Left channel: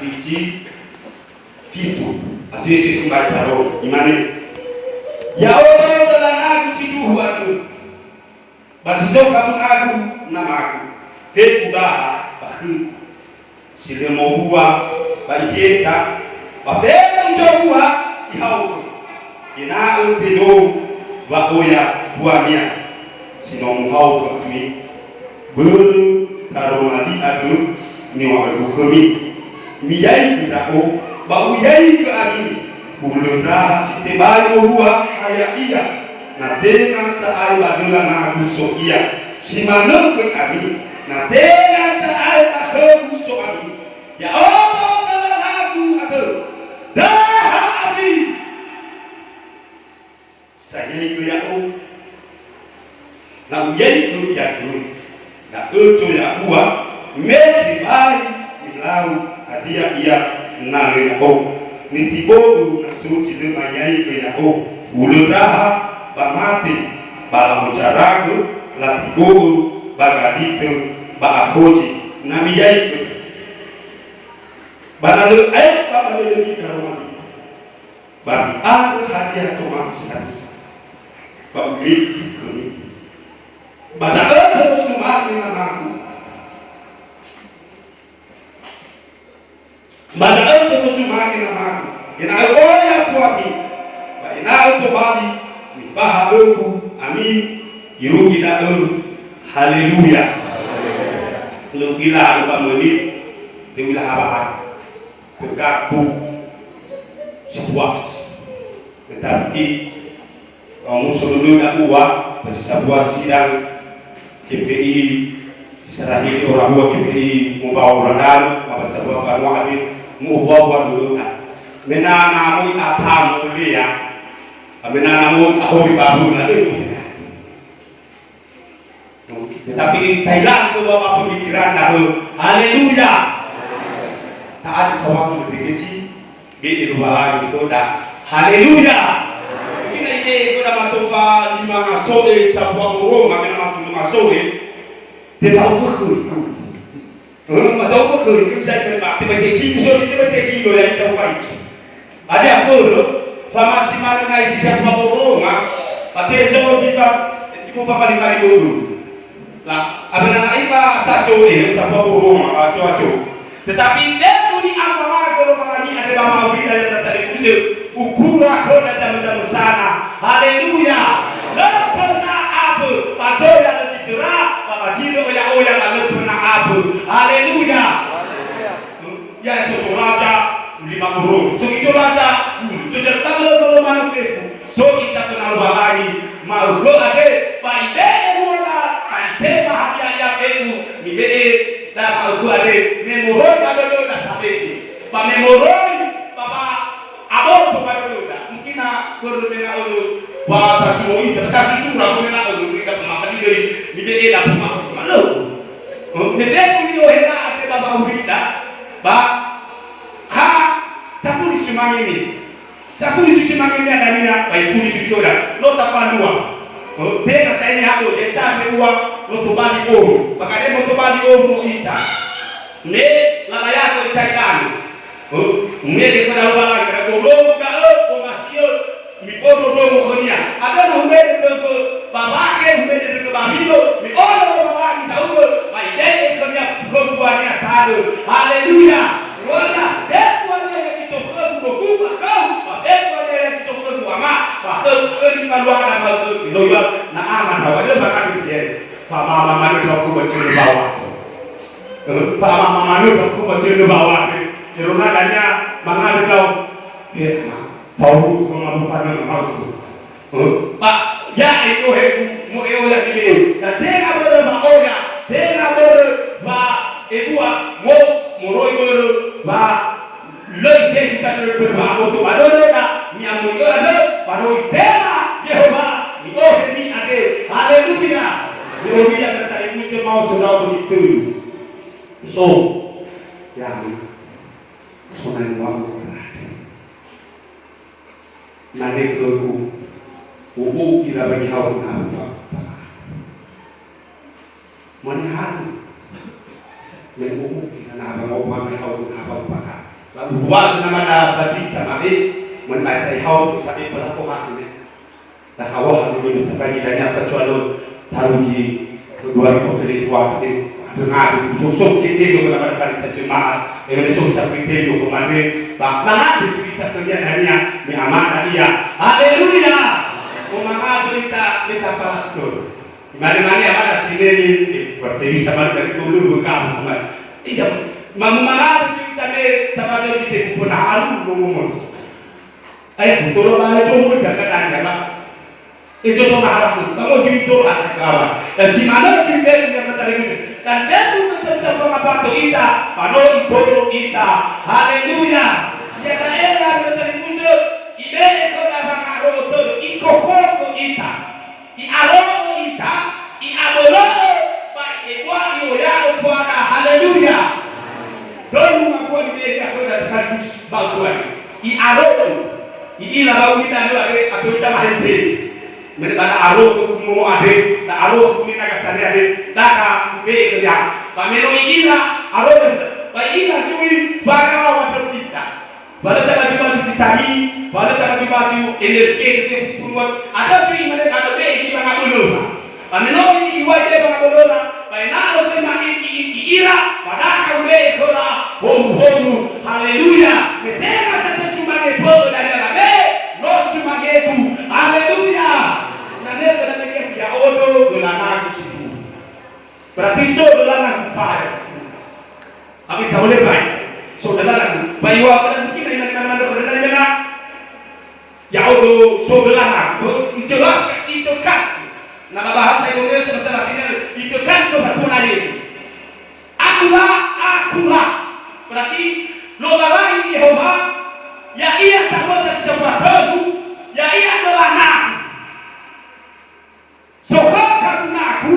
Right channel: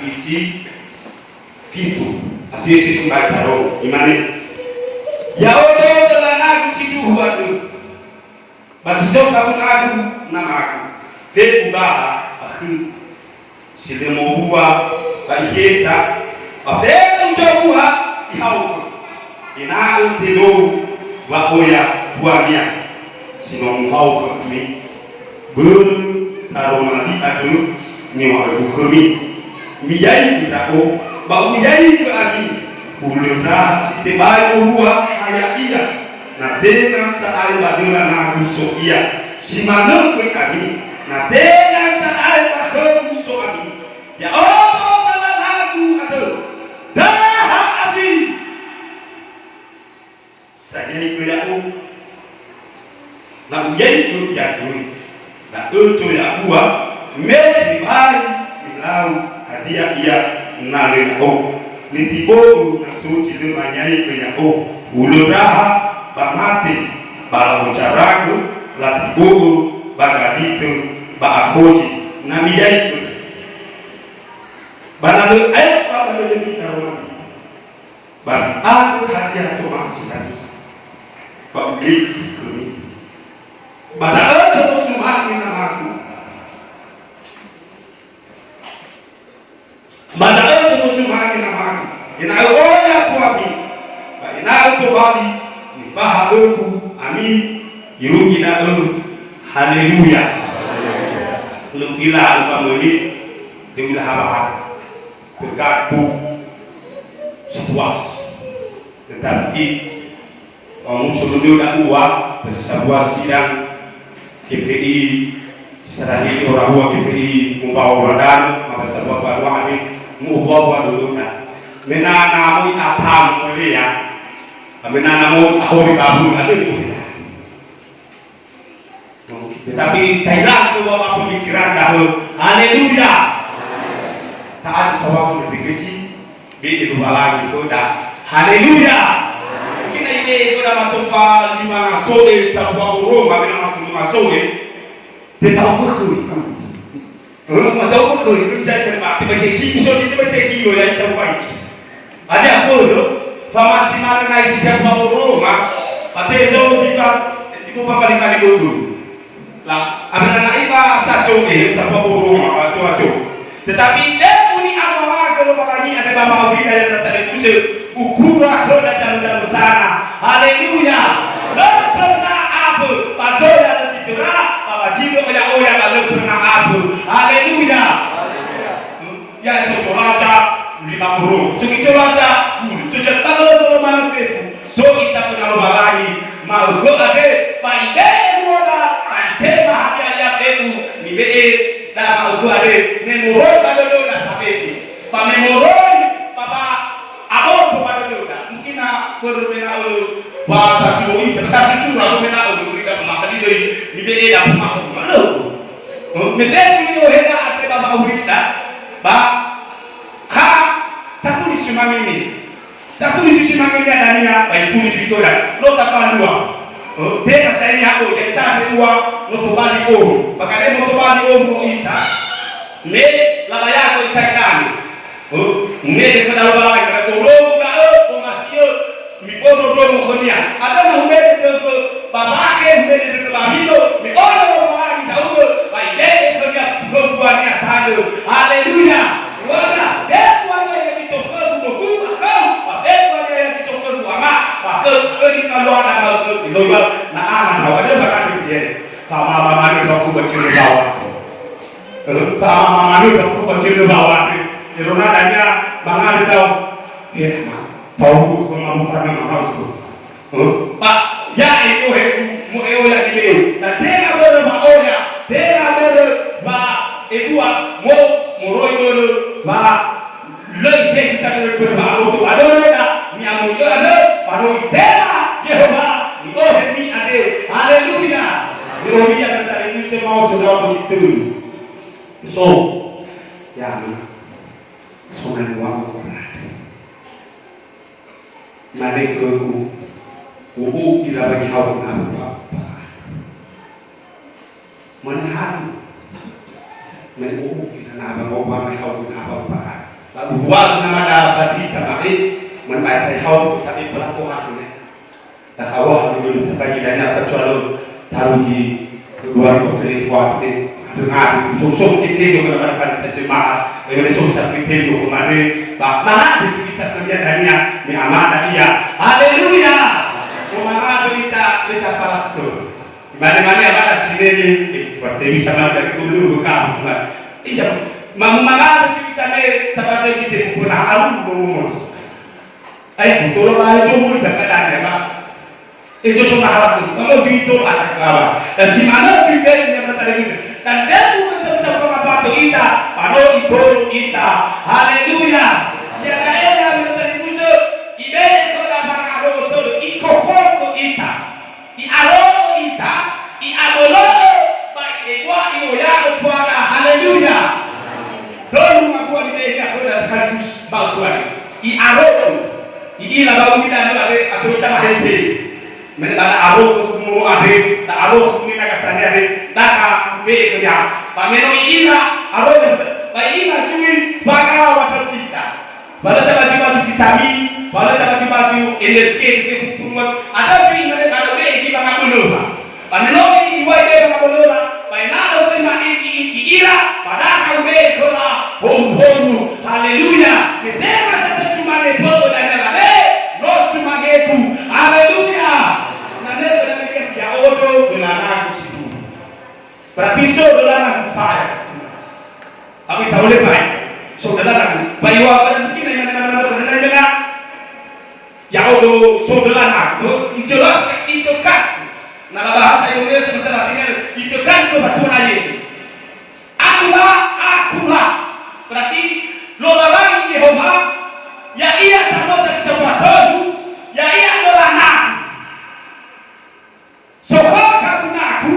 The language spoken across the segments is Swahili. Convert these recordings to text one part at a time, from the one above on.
biji pintu asisi sumbai taro imane ya Allah dalam aku sidu huadu basi jauh kabun aku nama aku tekuba bakhi sile mohua baiheta bapela njogua ihauto ina untilo wa oya buania sino muhauto mi bulu taro mali adu ni wa bukumi miyai kudako ba uyai ke ami ulunda sitebali huwa hayaiya na tena saai badula na kusokia simano ke ami na tena saai bakho kuso ami ya Allah dalam aku ado dah ami saya itu ya Allah na uyai itu ya tu na itu ya huwa meli bai milau hadia ia nare na o nitibo na suci le manyai pe ya o uluraha bamati bala mujaragu latibo bagadito ba akhoji na miyai bana le ay ba le ni karona ba aku hadia to masani ba ugi kuni bana to sumaki na aku Mada itu musumaki na maku. Ina oya kuami. Ba ina to bali ni bahaluku amin. Yugi na haleluya. Lu ila alkamuli diulah haba. Berkatu situasi. Tetapi kamu sudah nak uang pada sebuah sidang KPI seserani orang buat KPI membawa dan pada sebuah baruan ini mubawa dulu na mena namu atam kuliah mena namu ahori babu ada tetapi Thailand tu apa pemikiran dah haleluya tak ada sawang lebih kecil di luar lagi itu dah haleluya kita ini itu dah matufa 5 sore sebuah burung mena masuk 5 sore tidak berkhus Madau ko itu bisa terima tiba teki lo yang tahu kan ada apa lo famasi mana ngai sisa apa lo mak pate zo kita ibu papa kali dulu lah abang iba sajo siapa lo mak aco tetapi dia puni amala kalau makanya ada bapa awida yang tertarik usul ukura khoda dalam sana haleluya lo pernah apa padoya tersidera Jido ya oya kalau pernah abu, haleluya. Ya sekolah aja 5 burung, segitu aja, sejak kalau mana tu, so kita kenal balai, mau so ada, paide muda, paide bahagia ya itu, mibe, dah mau so ada, memoroi pada lo dah tapi, pa memoroi, papa, abon tu pada lo dah, mungkin nak berbeza lo. Wah, tasui, tapi susah aku nak aku berikan pemakan ini, ni dah pemakan mana? Mereka ni orang ada bapa awak kita, bah, tak tulis semang ini ada ni ya, baik tulis itu dah, lo tak pandua, dia saya ni aku, jadi tak ada uang, lo tu balik om, pakai dia lo tu balik om kita, ni labaya aku ikan, ni dia pada labaya, kalau lo buka, masih mikono dogo konia ada mahumede ke babake humede ke bamino mikono lagi tahu baide konia kuania tado haleluya wana dekwana ya kisoko kuku akau dekwana ya kisoko ama bakal ini kalau ada mau loba na ama ada bakal dia sama mama ni aku bacil bawah sama mama ni aku bacil bawah jerona danya bangan tahu tahu kemampuan yang harus Pak ya itu mu eula ini dan dia berma oya dia berma edua mo muroi berma lei teh kita berma auto adona mi amu yo ada paroi tela Yehova oh mi ade haleluya Yehova tadi itu semua sudah begitu so yang sunai wangu nare keku ubu kira bagi hawa apa menahan menubu kita nak abang hawa mai hawa apa buat nama tadi tamai menbaik hau tapi pelaku hasilnya tak kawah mungkin terbagi banyak kecuali taruh di dua konflik waktu dengan susuk kita juga pada pada terjemah yang susah kita juga kemarin mana cerita sekian hanya mi amana iya haleluya umama berita Palestina mana-mana ada sini seperti bisa dari dulu bukan iya mamanga cerita me tapada kita pun arum ngomong ai betul lah itu mau dekat Pak itu cuma harus kalau gitu ada kawan dan si mana kita yang berkata gitu dan dia juga sama-sama apa kita pano iboro kita haleluya ya daerah berkata gitu ibe sudah pangaro todo ikokoko kita i alo kita i abolo baik egwa ioya opana haleluya tolong ngakuan dia sudah sekaligus bausuan i alo i ila bau kita ada atau cama hente menebana aro mu ade ta aro kumi naga sani ade daka be kerja pameno ila aro ba ila cumi baga water fita bala ta baju vitamin bala ta baju energi ke kuat ada cumi mana ada be ki banga bulu pameno iwa be banga bulu ba na ro ma iki ira pada ka be kola hom haleluya metema sa sumane bodo dana be no sumageku haleluya nane pada media ya odo dolana kusitu berarti so dolana fire tapi tak boleh baik so dolana bayu apa mungkin mana dolana ya odo so dolana itu jelas itu kan nama bahasa Indonesia masalah ini itu kan kebatuan Yesus akulah berarti lo barang Yehova ya ia sama sesuatu ya ia dolana sokong karunaku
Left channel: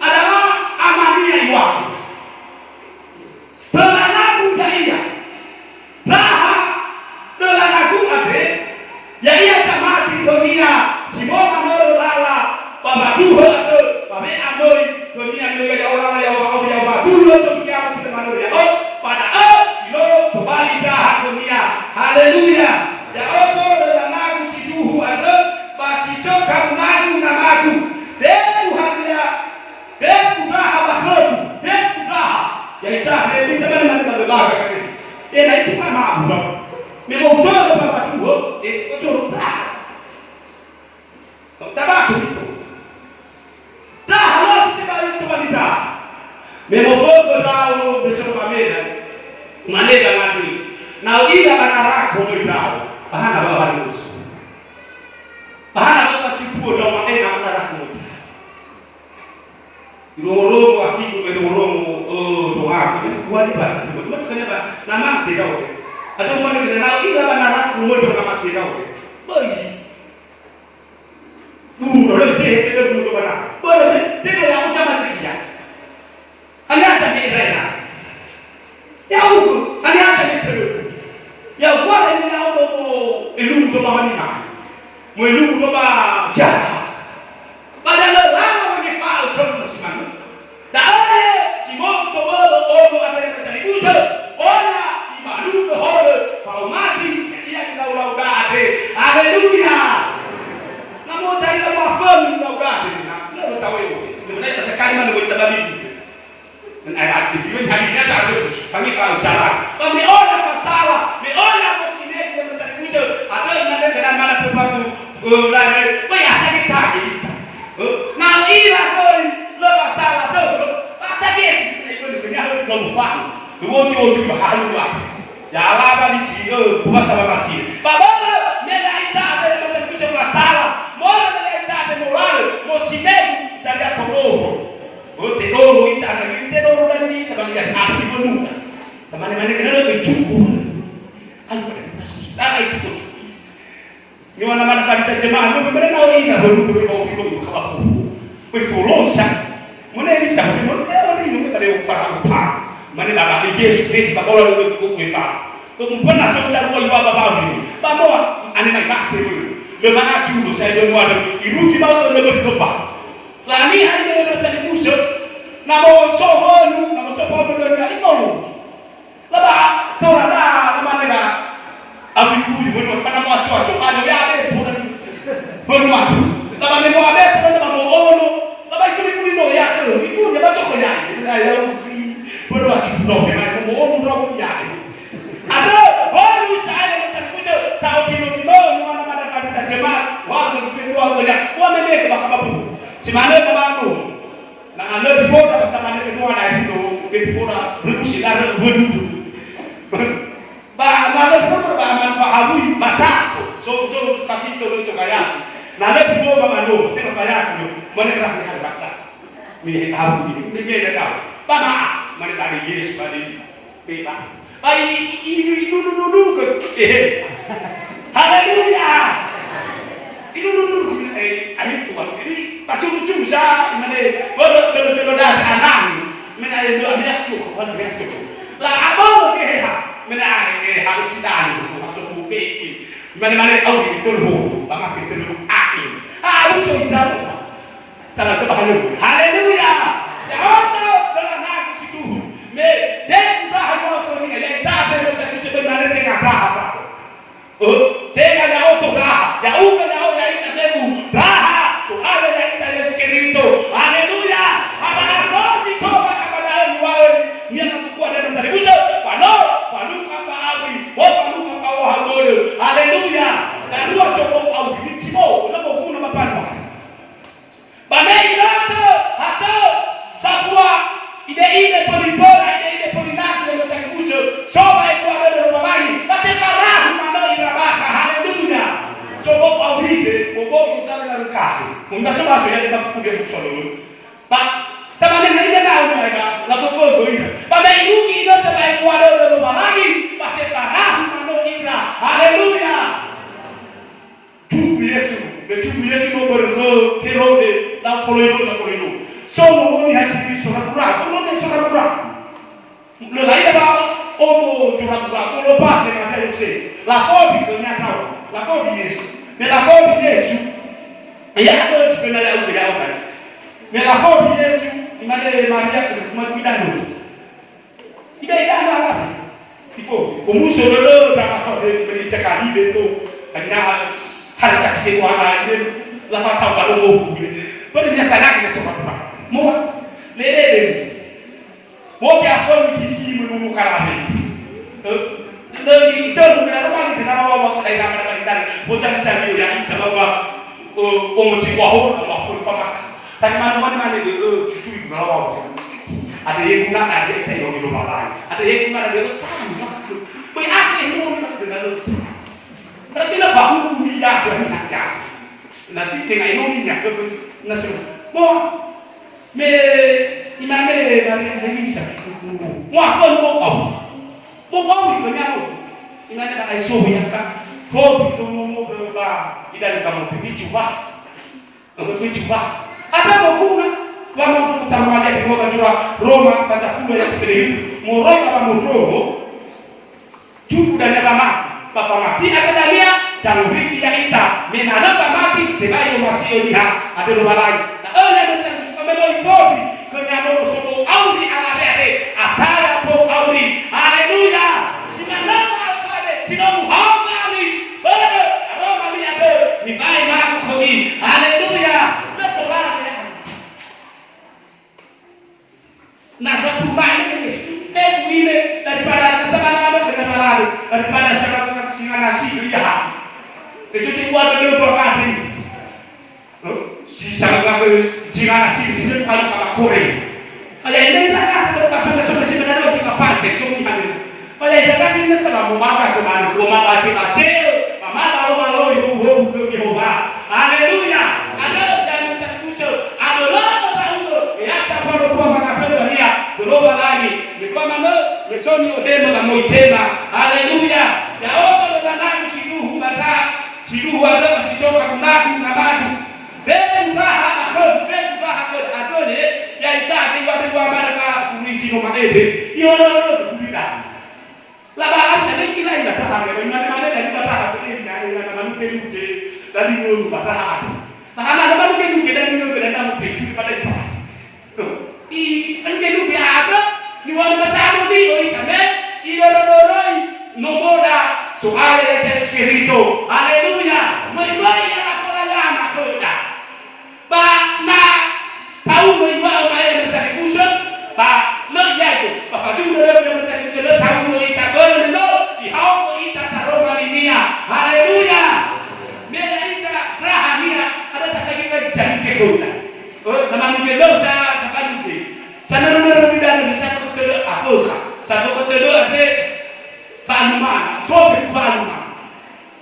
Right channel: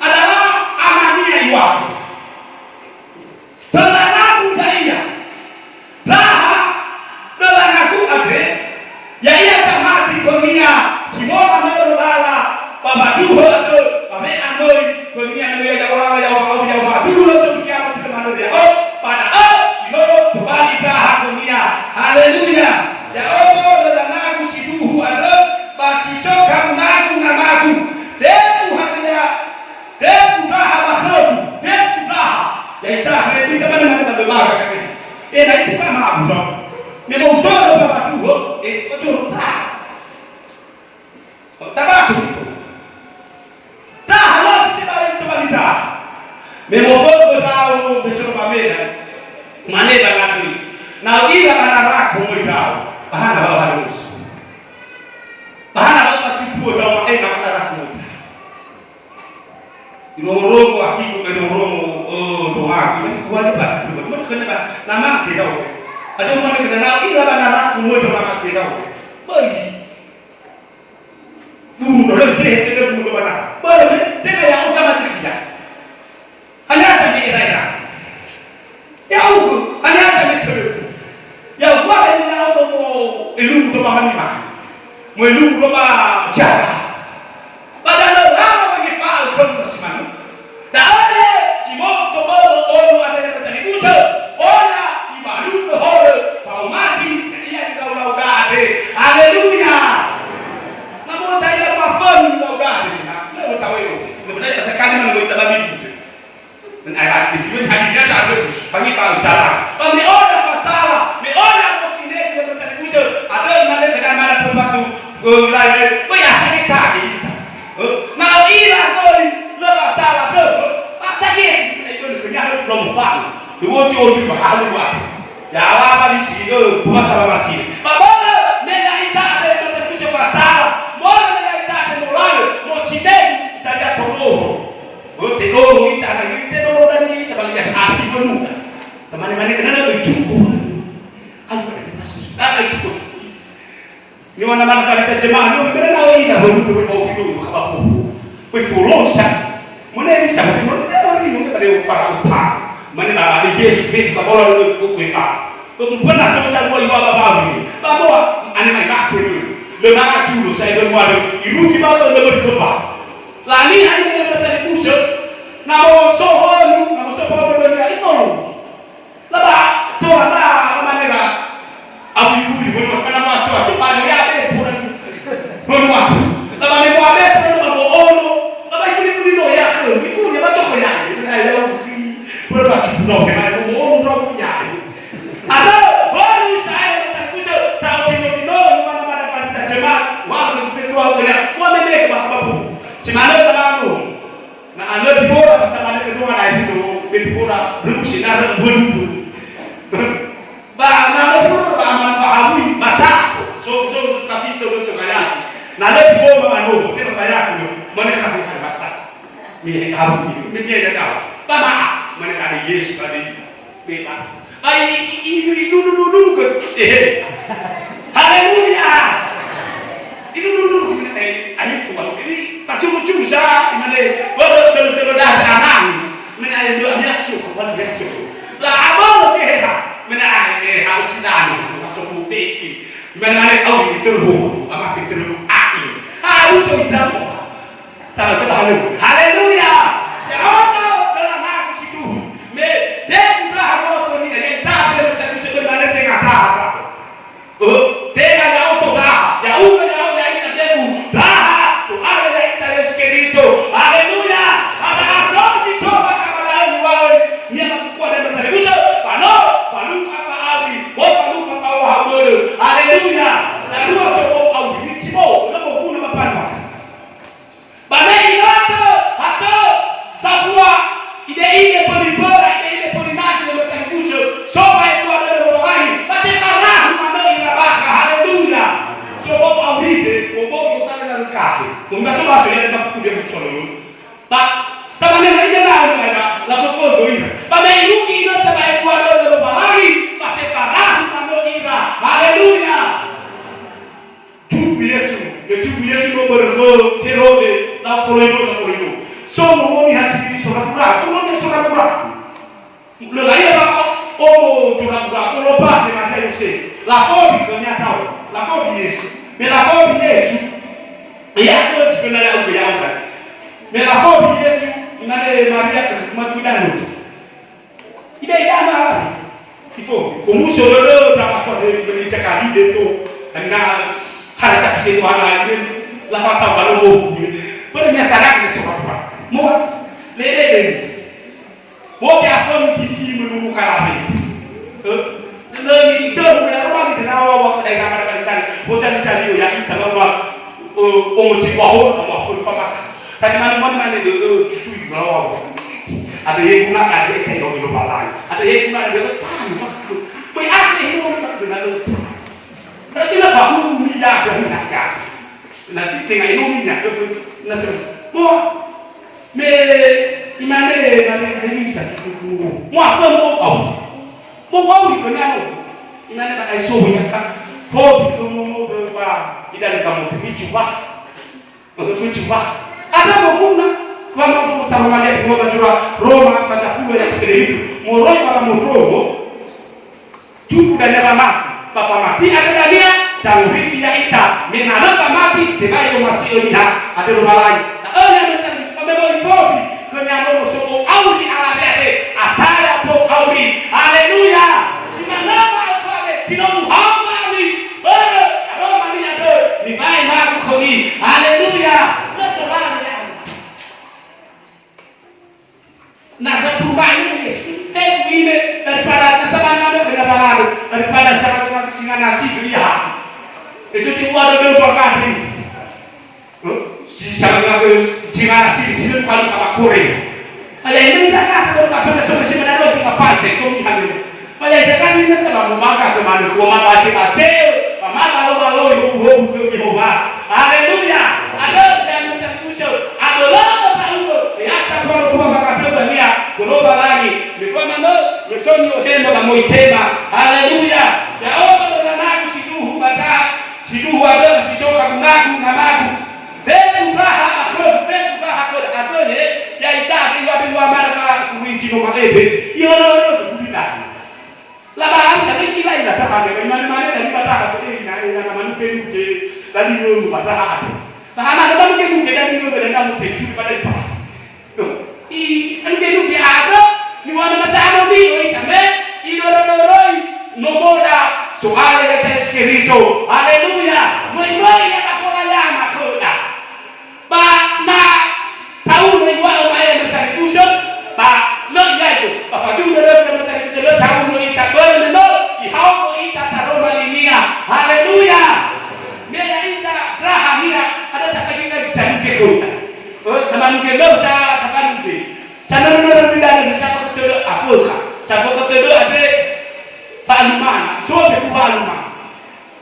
adalah amania iwaku dolanaku iya laha dolanaku ade ya ia camati dunia simoma nolo lala baba duho ado babe amoi dunia nolo ya lala ya wa ya wa dulu sekian masih teman dia oh pada kilo kembali dah dunia haleluya ya Allah dolanaku siduhu ado basiso karunaku namaku Deus hadia, Deus raha basroku, Deus raha. Ya ita, kita mana berbaga kami. Ena itu sama abu. Memang betul bapak tuh, itu raha. Tabasu itu. Raha los tidak itu wanita. Memang betul tahu besok pamela. Mana bangati. Now ila banarak homo tahu. Bahana bawa halus. Bahana bawa cipu dong nama darah homo. Romo akiku romo doa itu kewajiban bukan kenapa nama tidak boleh ada mana kena ila banara semua itu nama tidak boleh bagi boleh tidak boleh mana boleh tidak yang sama saja hanya sampai era ya ukur hanya sampai terus ya buat ini auto elu do mamani mo elu do ma jahat padahal lama bagi faal kon bersimanu dae cimok to bolo ada yang terjadi usul oya imalu behore faumasi dia di lau dade haleluya namo saya pafan di lau dade na lo tahu itu sebenarnya sekali mana kita babi dan ayat itu hadinya tak ada bagi kalau jalan bagi orang masalah me orang posine dia terjadi usul ada mana sedang mana pembantu wilayah ya kita kita nah ila koi lo masalah bro apa dia itu sebenarnya belum paham dua jodoh bahalu ya apa di sini puasa masih bapak mega ita ada yang terjadi masalah mau mega ita ada mulai mau sini jadi tolong tolong ita ada tolong dan ini tapi yang arti penuh teman-teman kena ada cukup ayo ada kita susah ada cukup ni mana-mana kita jemaah itu benar tahu ini lah baru kau itu kamu berfolosa mana ini sama dengan orang ini ada upah mana nak ada Yesus fit kalau orang itu kita pernah sebentar kau ibu bapa ini bawa ane mai bakti dulu lemah dulu saya dulu ada ibu kita orang lebih berkebah lani hanya yang terjadi busuk nama sohon lebih itu lebah tu ada mana Semana kemaru. Nah, anda di bawah pertama kedua naik itu di bawah berusia ada berubu. Bah, anda di bawah manfaatui masak. So tapi itu so kaya. Nah, anda di bawah manu, tidak kaya tu. Mana nak makan masak? Ni kamu ni dia dah. Bapa, mana ada Yesus ada. Ai dulu ke. Haleluya. Itu dulu ayo tuan. Ini pacu-pacu bisa mana betul dah anak. Mana ada dua biasa, mana biasa. Lah abang ke mana harus sedang masuk bukti. Mana kau diterbu, apa diterbu aki. Harus sedang. Tangan terbahagia. Haleluya. Ya Allah, dalam aku situ. Me den bahwa soni yang tak ada tapi sebenarnya tengah apa. Tengah ya auto dah. Ya uga ya kita demu. Dah, tu ada yang kita Yesus. Haleluya. Apa kau sih coba kepada luar ni nak kuat dalam diri kita. Palu apa abi. Palu apa wahai. Haleluya. Lalu coba abi cimo, nama kuna mapanda. Banei yote hata sabua ile polipora ile polinati ndio mtakubusho soba kwa ndio wagai bate karahu mambo inabaka haleluya soba aurite bobo kutana na rukasi kumba soba sio ile bakuja msolo ba tamane na ile lao na la bobo goina banei ruki ile tabai kwa ndio wagai bate karahu mambo ina haleluya tubu Yesu no berzo kerode la polino somo ni hasibi sorakura kono sorakura le laia ba o sorakura kono pase na kai se la kobi konya tao la kobi Yesu me la kobi Yesu ya ko tshena ya uya uya me la kobi Yesu imale Maria kumafidano ibe yana ala ifo umuso lolo ta ko ni chakali de to ana kana chakise kwa na la fasa balo pada dia sadar dia sebab mau lele mau dia pun gigi menunggu kalah ni itu bukan orang di dalam waktu dari kamar kita bocah cari ya kita bawa omongi bahu pun pamak tapi mana itu cucu di bawah ada yang guna ada yang kayak orang lupa lagi ada yang guna ada yang sama kau apa yang mau nak dengan lu berarti lah bahu minyak dan minyak nanti tengah ini minyak nasib mo me imane ini bisa mo apa mo kau itu ni aku imane tak ai so minyak kan kau itu mo berubah tidak kamu pergi coba ada mau guna mau tahu ada mau kacura Roma pada full yang segede itu mau roy kalau mau roh cukup dan apa mati ada dia jangan tidak ita menghadap mati tidak yang masih lihat ada dua lain yang memang fobi kenyamo suku auri ala bete ataya po auri haleluya simana alfabe sino muhammadi ber aroma ni ada ni bai ma khoni haleluya nasolani nasa perubahan ini ini daripada teman-teman daripada sangat singa nasi dia itu cuma ada dua kali si sangat singa nasi di sini kalau goreng ayah ini tak ada pasal solusi mana lagi kapal kesumi hari ayah itu kan ini sedang memakai teman semua lagi kecil malu ibu Yehova haleluya ada yang terkusur ada lama tahu ya sampai lupa mengatakan dia berubah lagi lupa mana mesonyo hema kamo itema haleluya ya Allah dan siduhu bata siduhu ada sisoka kunaku ngamatu den raha akhir ada ya itaki wadu marka kumisi no makebe yo kubida la ba sering kila ila tahaga mana dari bata ini na manu peruke dari no bata ada tahana ada manu peruke dari no beda namu peju pada itu i kan peru bi ada ni wala matano bi oi kame i doroi no moda soale ya skeriso haleluya mai ya makola ya makola ba na tahu ni wa mai bertari kusut ba lo ya itu ba faju doro yang bertari kusut lo tahu ni tak ber no di hau ita taroma linia haleluya me ya ita rahania ada tak kaki jadi kekota sote kufaluma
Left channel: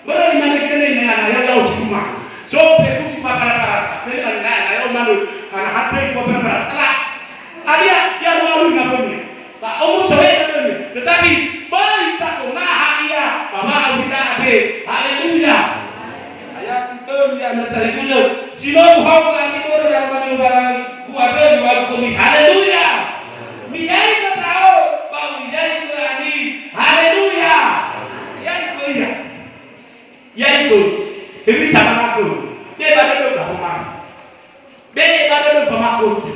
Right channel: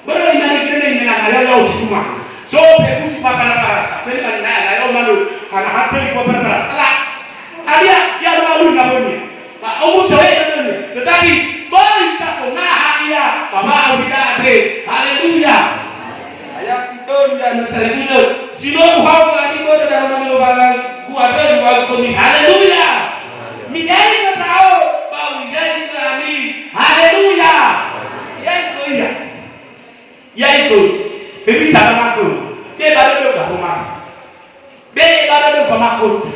bora imani kile ni ana leo chuma sote kusi pa para pele na leo manu ana hatu kwa para ala alia ya lalu na bonya pa au soe tetapi bali takomaha dia baba ubidade haleluya ayat itu yang terlibat sino hau kami baru dalam nama Bapa kuat baru kami haleluya mijai tahu bau mijai kami haleluya ya itu ini sama aku dia baru dah rumah be baru dah kamakut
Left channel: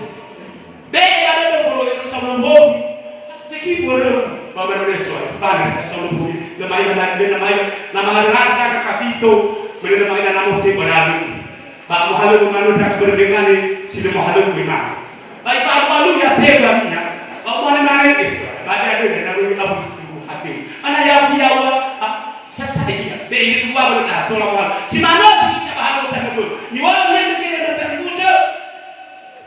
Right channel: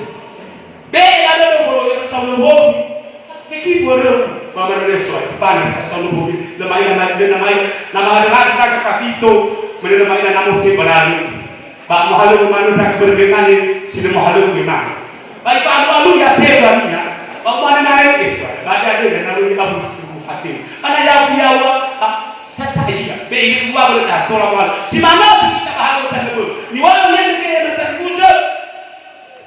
be baru dah baru yang sama bobi fikir baru mama dah soal pana sama bobi nama ada kapito mana nama te barabi pak mahalu manu tak berbengan sila mahalu gimana baik pak malu ya te baminya pak mana itu baca ada nama abu hati anak ya saya be gua berada tolong si mana kita bahas tentang itu ni orang yang kita terkusa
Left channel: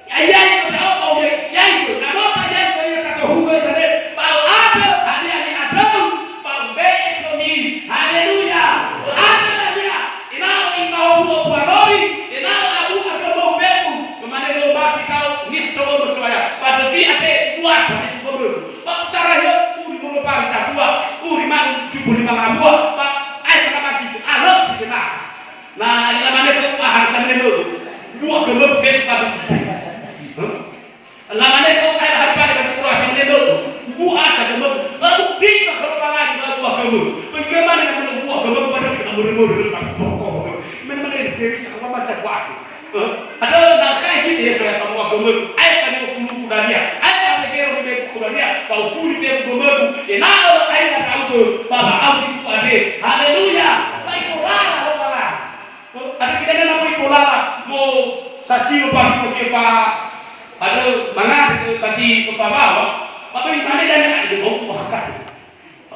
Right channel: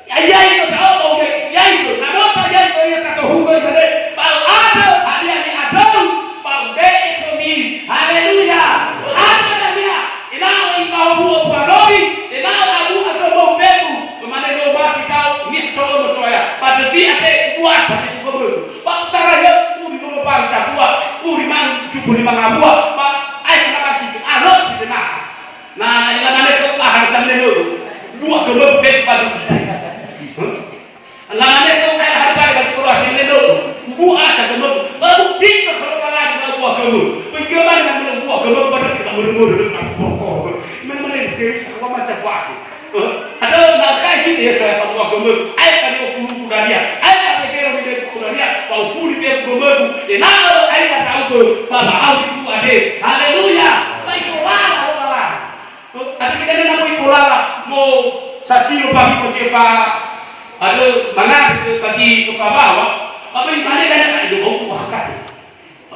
ya itu tahu ya itu nama saja itu kata hukum pada bau ada hari ini ada bau be itu mi haleluya ada dia inao ikau buat parobi inao abu atau mau febu kemana lo masih kau ni solo bersuara pada fiat buat sampai kubur bau taranya uri mau bangsa buat uri mang cukup lima buat nah, yang mana itu ahal sambil itu dua gemuk fit pada mana itu kayak harga bagi orang sambil itu dua asa gemuk lalu tiga kalau lagi kalau buah gemuk bagaimana yang buah gemuk pada kita murmur pokok mana ini sama macam waktu ada nak kayak gitu ya saya buah gemuk ayat tadi fulu kudaria ayat apa kira lebih kudaria kalau fulu dia gemuk nah ayat tahu pada aku itu ada haleluya baiklah tapi kita nak mau ikulah mau saksi lupa bercepa ada mana bagi kefabawa apa yang mana dan ada mau bahkan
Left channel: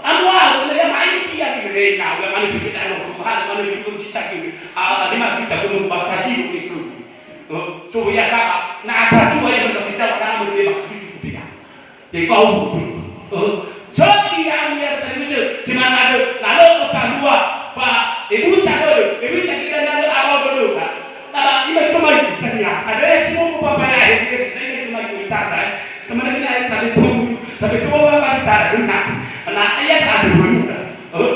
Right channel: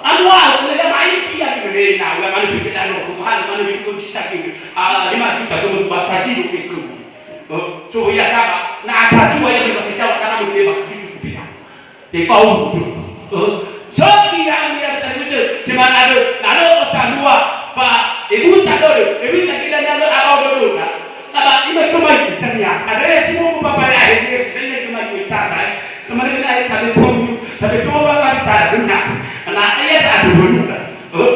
anwar yang main dia di mana yang mana pikir dan rumah mana itu disakit lima juta untuk saksi itu so ya tak nak saksi yang berbicara karena berbeda itu tidak di kau so yang dia terus cuma ada otak dua pak ibu sadar ibu sakit dan ada awal dulu kan apa ini kemana tanya ada semua bapak yang ada ini kemana tas kemarin saya tadi tunggu tapi tu orang tadi sunat anak ayat ada bunyi kan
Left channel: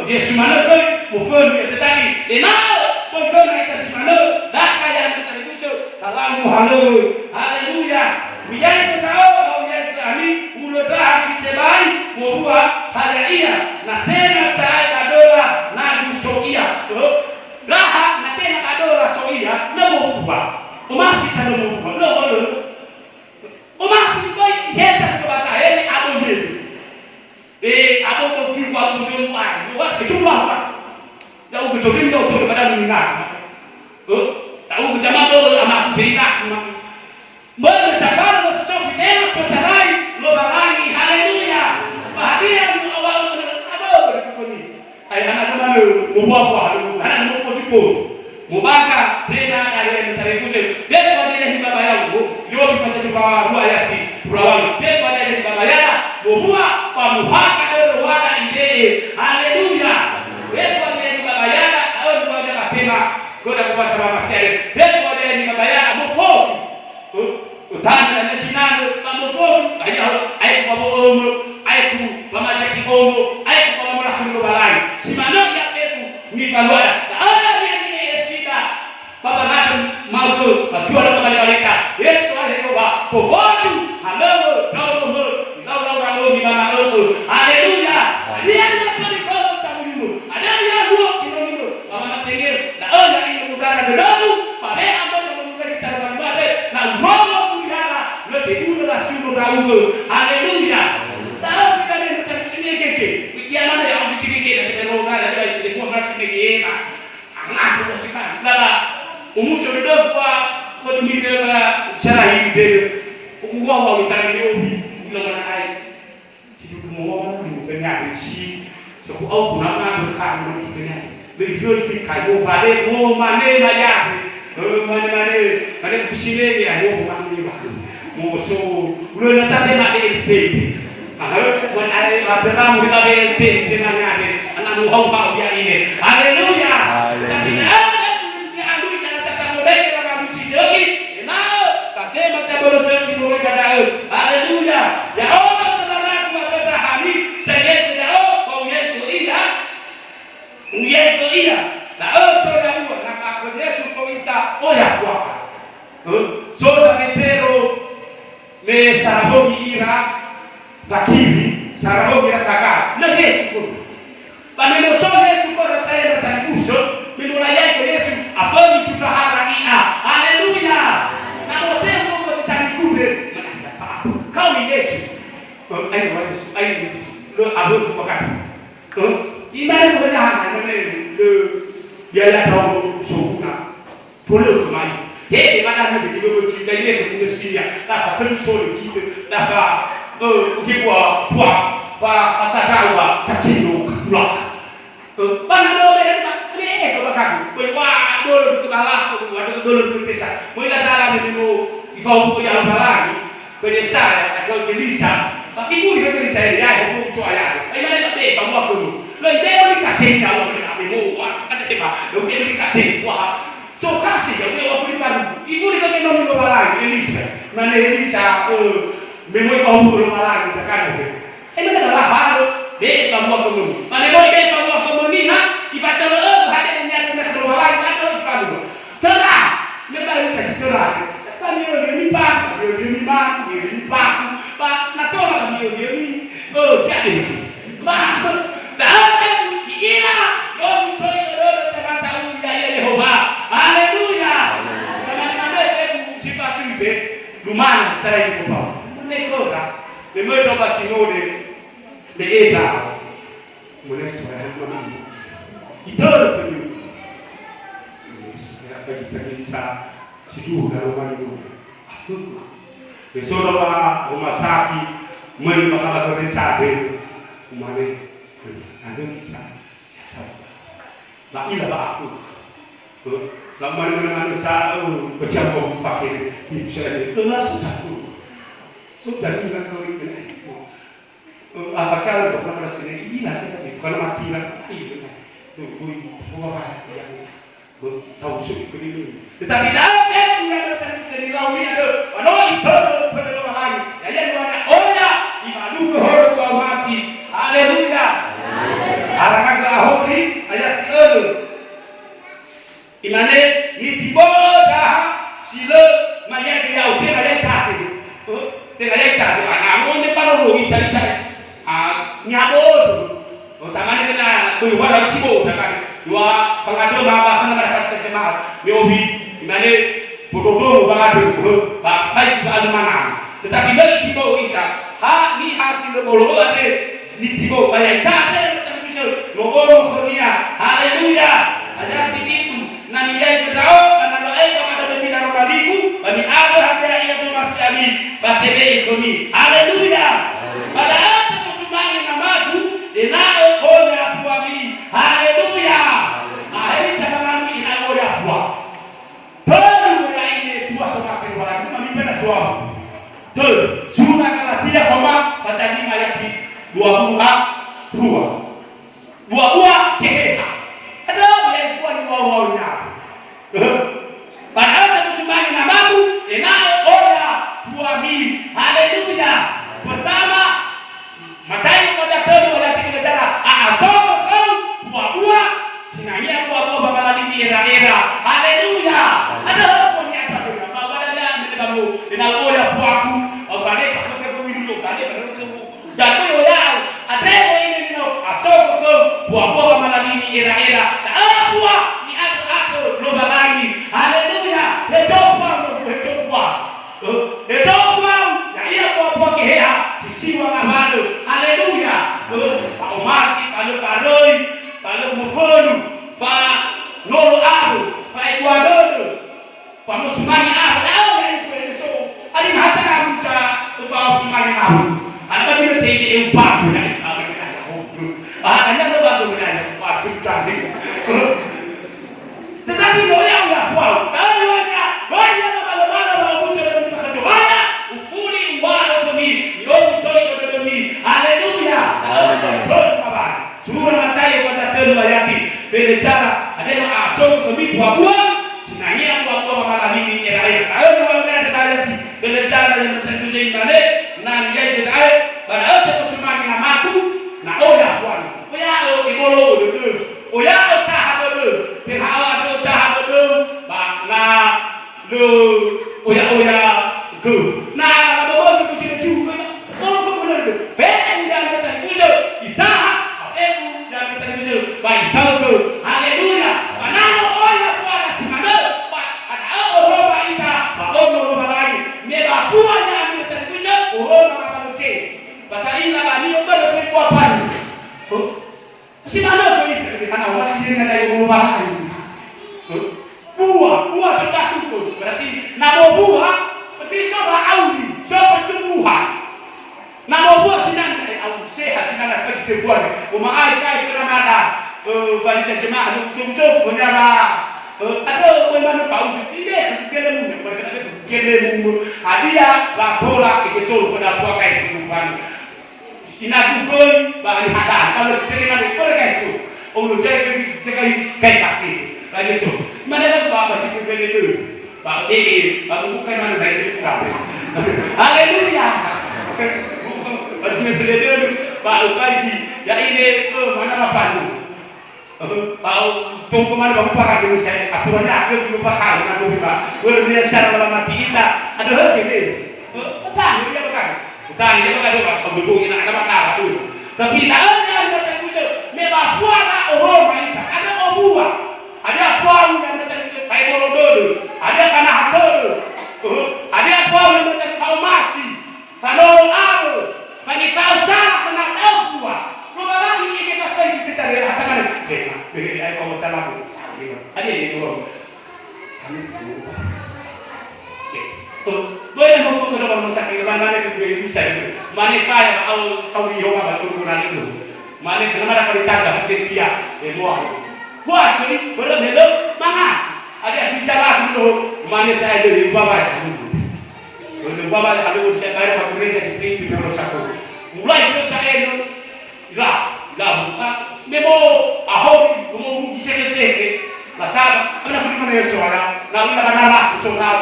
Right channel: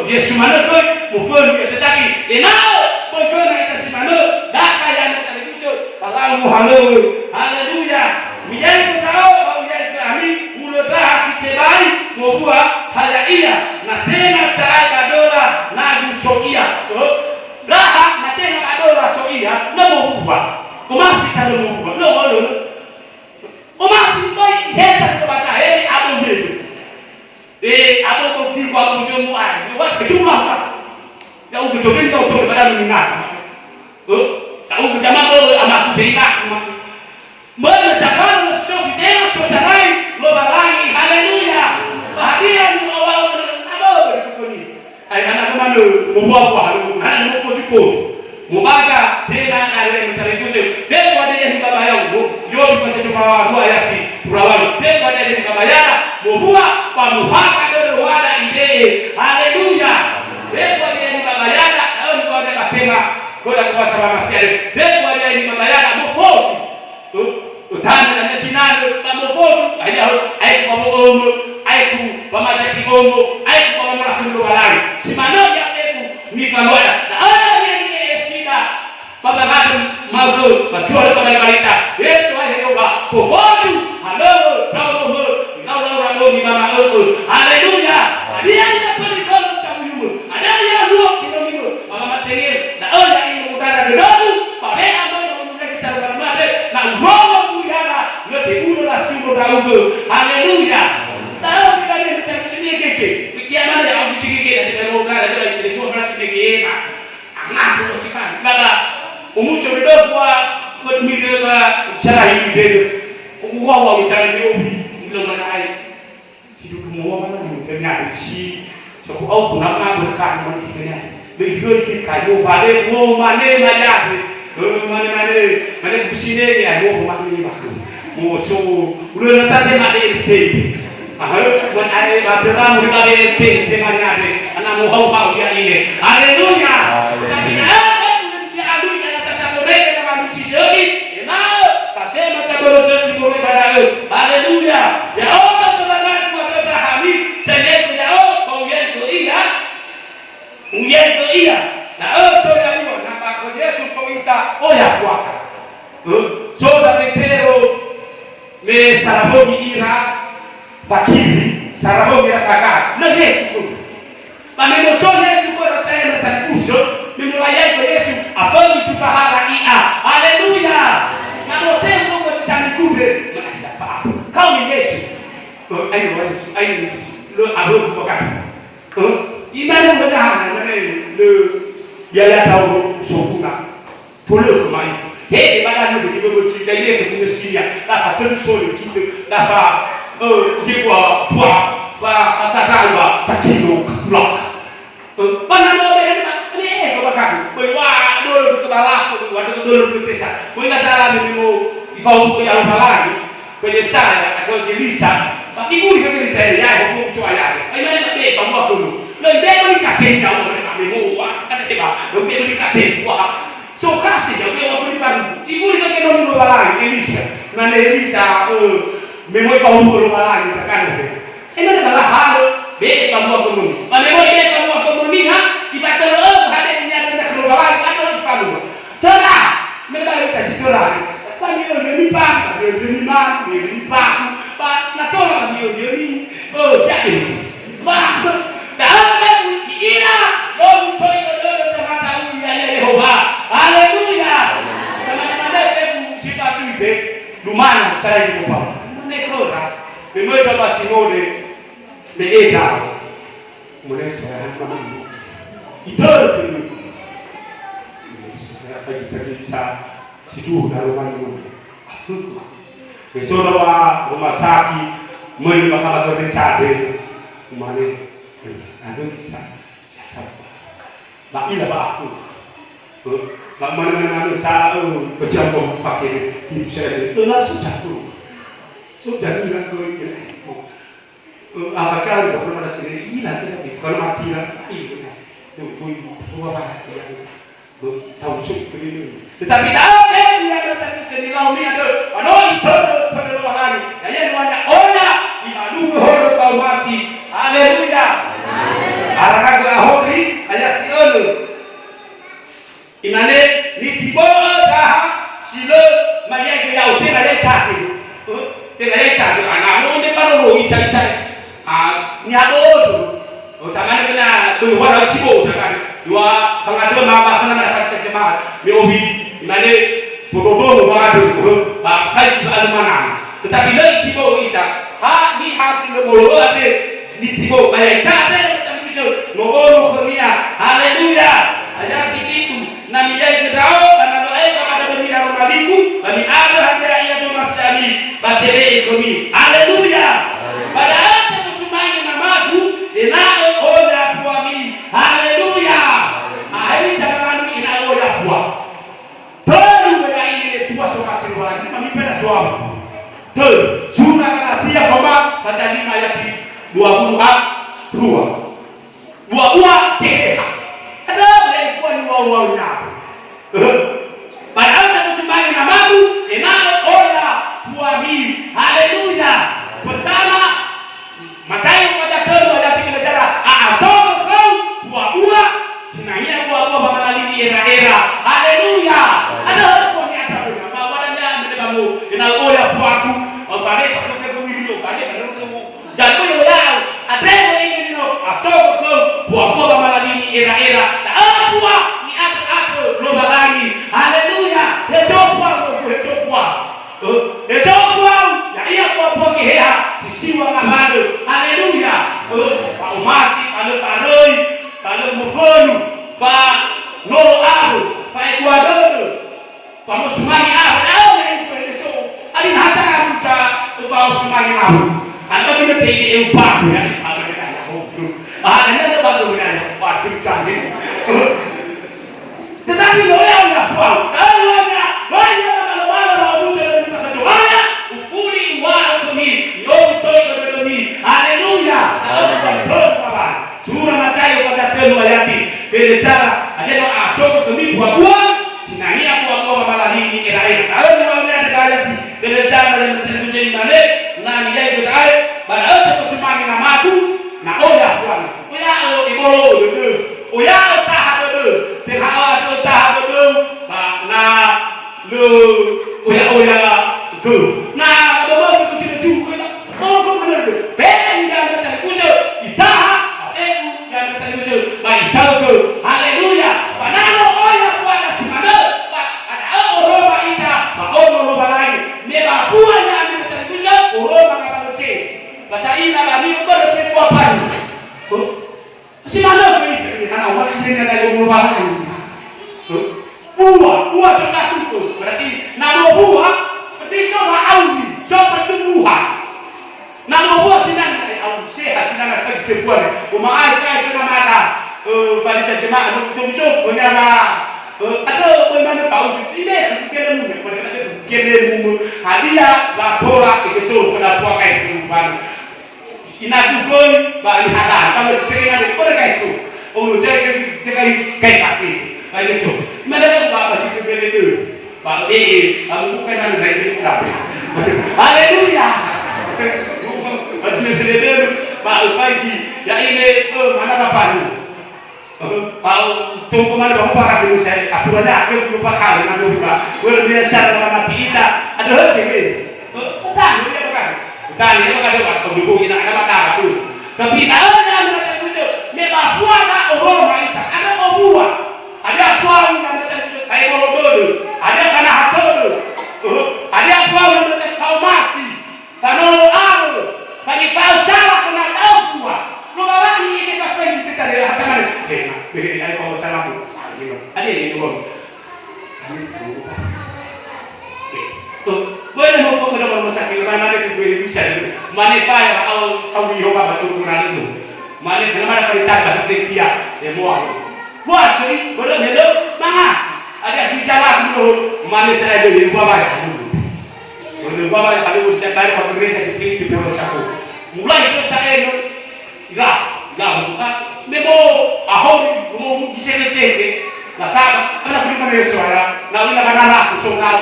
dia semana tu mufun dia tetapi enau mufun kita semana dah kaya kita itu kalau haleluya menjadi tahu menjadi kami mudah si terbaik mau buat hal iya na tena saya dola na dusokia raha na tena dola soia na mau buat masih kada mau buat no masih baik heta kebata ini abu itu abu tu fiku abu jomu ai buat kejumlah kan ya ugu jogin tu pada minat tahu berjamaah amak berimak mana sekarang sosial tena sotanai lo balangi haleluya bahagian awal apa berikutnya ay anak mana membuat anak mau fokus mubaga tena ayat terikusi dia pada yang dibayang jual di bawah dua ayat di perawan dia pada yang dibayang membuat pamuhaka derwara ide haleluya dia pada yang dibayang kalau pada tena kodak bahasa masih dia pada yang dibayang mau fokus utanda na jinado tamofozu ayat babu ayat pamaja kibongo ayat pamara sulu balai simano ya etu ni kalwada na ni shida baba ngadu mazu bajual pagani balita yesu ayo ba pofozu halo ngau ni mama haleluya dia pali kono tamu ada ya dua kilo mama matengir na ini udara dedabu pabe ambo kita barmade na Tiba langsung berlalu, haleluya. Tahu kita ni tersini keke, bikian mana yang aku cikeke dan kita roga dan kita itu beras keke nak, angah bersihan. Kala umur sudah buat mirip serai beda, uang kita ini belum mana air. Hidup semua mana bukannya isi, so aku nak berkat mana bukannya. Berjual di kayu pada mana macam, mana kusine ni, aku mana ni macam. Musuh, udah nanti nak diinti. Ahal, buat ayat baterai muda diinti dengan ada. Anak mau dia ini. Haleluya. Haleluya. Dia adui kana sata mereka dengan misi jadi. Nah, patema caboro seti mo kada. Haleluya. Ya Allah telah buat Abraham sebagai ya kau yang iya. Yang iya. Nah, to ya mo nampak Yesus kau minta ya kuaka. Soda vetero me sarabomi ira pakiri sarabomi ira kakak na Yesu panemo so Yesu ko saya bertanya usul memulai ke Yesu apa itu bahara ia haleluya na motempo mo sani kubre mana apa kau ni Yesu ayo Yesu lo abo ko kakak iman benar mana le biaya tahu sokuna polo kemai Jadi pada hari ini kita cerita ini ke Indonesia, dapat terus solid kita dapat kita buat pasal apa sakino blok. Mana boleh ni kau makan, wah dulu kita balas, dulu kita sah. Mereka dalam ini mau ifau yang lagi, beresah atau jelisa. Tapi ibu dia beresah ya, ibu cuai ya. Ini mana tak boleh kamu apa dulu. Lebih boleh kasih kamu mana kamu wah kata siapa, lebih boleh kasih wah. So kasih dia boleh baru. Ibu dia kan orang luar lagi, Elisa. Mana Elisa, memang kau luar lagi terkadang. Ini adalah hal be kamu akonomi. Memang be kamu akonomi ha. Ibadah ada yang ada nak luar lagi, ada yang kamu. Cerah, mereka Elisa cerah. Tapi dia ni bang, dia ni bang. Pak, nak tolong dia ni. Jadi. Bang, dah ada ira. Om soi kalau jangan tahu ya Yehova. Haleluya. Mana hebu siapa suite lumana secara itu apa? Menekora. Bemerda basinode beeda. Mulai sekarang kami. Itu tu. Sekarang kita bisa sidu dalam mana. Besok rumah sakit bakal berbicara. Mana? Ada bisa. Nak ilah aku. Nak mana sahur berjambu pakai hidup saya. Itu langsung jatuh. Sudah ilah kau ini. Apakah dokter pada sini ilah kita bukan mati lah. Itu apa yang tahu suku ini. Tetapi tahu yang ada tadi sini lawan ini ada. Anoi perlahan. Yang mana oya dimalu horo kau masih. Haleluya. Arahan lahori ayat 3. Inane nitibo dah sila maya dia uti maya tadi. Tengah tadi anamu ni paru kita isai. Nyabo tu. Tangan kena berubah cibo kan. Dua pengadu bapa kana dapat terjemahan. Miobi inane bodoh pengadu bakai almanan. Tetapi dari tibo kita ni hasil mulu ada nitibo maya tadi. Mohon khemia, haleluya. Ayat itu nami yai kedao karena doa ada bermira rubaliku, kami ada hadiah itu masyami, batebe kami, haleluya. Pada ayat kesumain namaku, inao oya puami, haleluya. Ahli sangat inao oya pua. Terus ini pua soka sirwala, kami pada suam. Terus surah kata tiap bapa baca 5 ayat 22. Buah keha. Ada boleh buat buah-buahnya. Padahal tak sembahyang namamu, enao oya buami. Haleluya. Pertama, Matayo pada kedua ayat 3 bicara, asal kau buah-buah, senangnya buah-buah mengalami di era-era. Haleluya. Ada pun yang tak benar. Bawalnya mendebamu, enao oya buahku. Alfane pasal ke video, alfane pada kamu. Jatuh ya. Ada ini asal buah-buah mengalami era-era. Tak buah ni aku lomba lagi. Haleluya. Hejopwa. Ya iya buah-buah keha sisiwa ngabalo. Haleluya. Pak Umasi, Pak Roy, Pak Mufonu, Pak Nolo Abu, Pak Ecuador, Pak Musmani Abu. Yang itu alin hasan kita Pak Musmani Abu. Anda tidak tahu apa yang apa kita nak anda baru benar fasik kali. Tetapi orang yang faham, kalau anda malu sudah dikasih doanya, ufuri wala kami, yom soy kami. Haleluya. Surah Mata tayo pagkatelo ayati. Pero cara, ada yang asal semi buah-buah, sinahi yang buah-buah mamalahi era-era. Kalau orang ada ayati, pero cara yang terbusin balik, nang dia itu ay, pada ada kesemangat namatu, na oya tuan, oya ibolo dulu, oya tahan dulu, tengah tu tahan dulu, na lu oya ke, na kalau itu tidak juga, oh benar tu, benda yang ada usul, itaha, dan kita usul, baik tahu tu, haleluya, panalo oya tuan simana, ada orang ita, orang lain, meba puanya ambil terusah, orang makanan ke, bata ina bani berarti popan, simana tu itu, karena orang sendiri ada yang lain, buah sudah tutup, berarti nama buah, berarti soal audi, soal tumbuhan. Nama buah sinan au sehat sinan ka kita buat. Umaai ka itu nama ada. Valida jemaah musuh-musuh punya atau mana tahu tidak kira mu pada ada kira mu hadiah laporan ke so pada buah kai kehidupan. Ina dukoi bali hadan kalau sering ada pada itu. Ulu jaga kai pasti. Baik so. Mana tu bapak itu beli tu. Pak aku bukan mana baik itu tapi. Haleluya. Masih belajar Pak Upaiji, ya ini mana bapak lu? Tahu tunggu mana bapak kasih saya. Aturannya hasil lupa kali nanti Pak. Boleh biasa dalam hati kita ada hal ini. Utang dia bukan. Utang dia bukan dia pas kau ini nak apa tu. Tapi ada yang mereka musuh. Mereka buat orang kita. Ada buah. Ada buah yang mereka musuh. Kayak bolong dulu. Ada kana hati dulu. Ada buah yang mereka tahu masih. Kalau aku bagi kau salah kena tahu buah. Rumah lagi ini kasih kita dia kata mana? Begini ada kau salah bu. Ada ini dulu. Boleh mau kau dapat masak ini mana kita boleh bisa. Mana kayaเอาSaudi hoka batu kurang itu. Mana kenapa ada kita kita dia buah. Buah sih boleh melo mana? Ada bicara dulu mana saya ada di buah banyak. Untuk bapak kalau usia baru waktu gereja di Pulau Saku, mulai itu saya itu, enggak buka, memo ahor, mau disese, kata, mana firman Yesus ada, nabi nak nara, soal,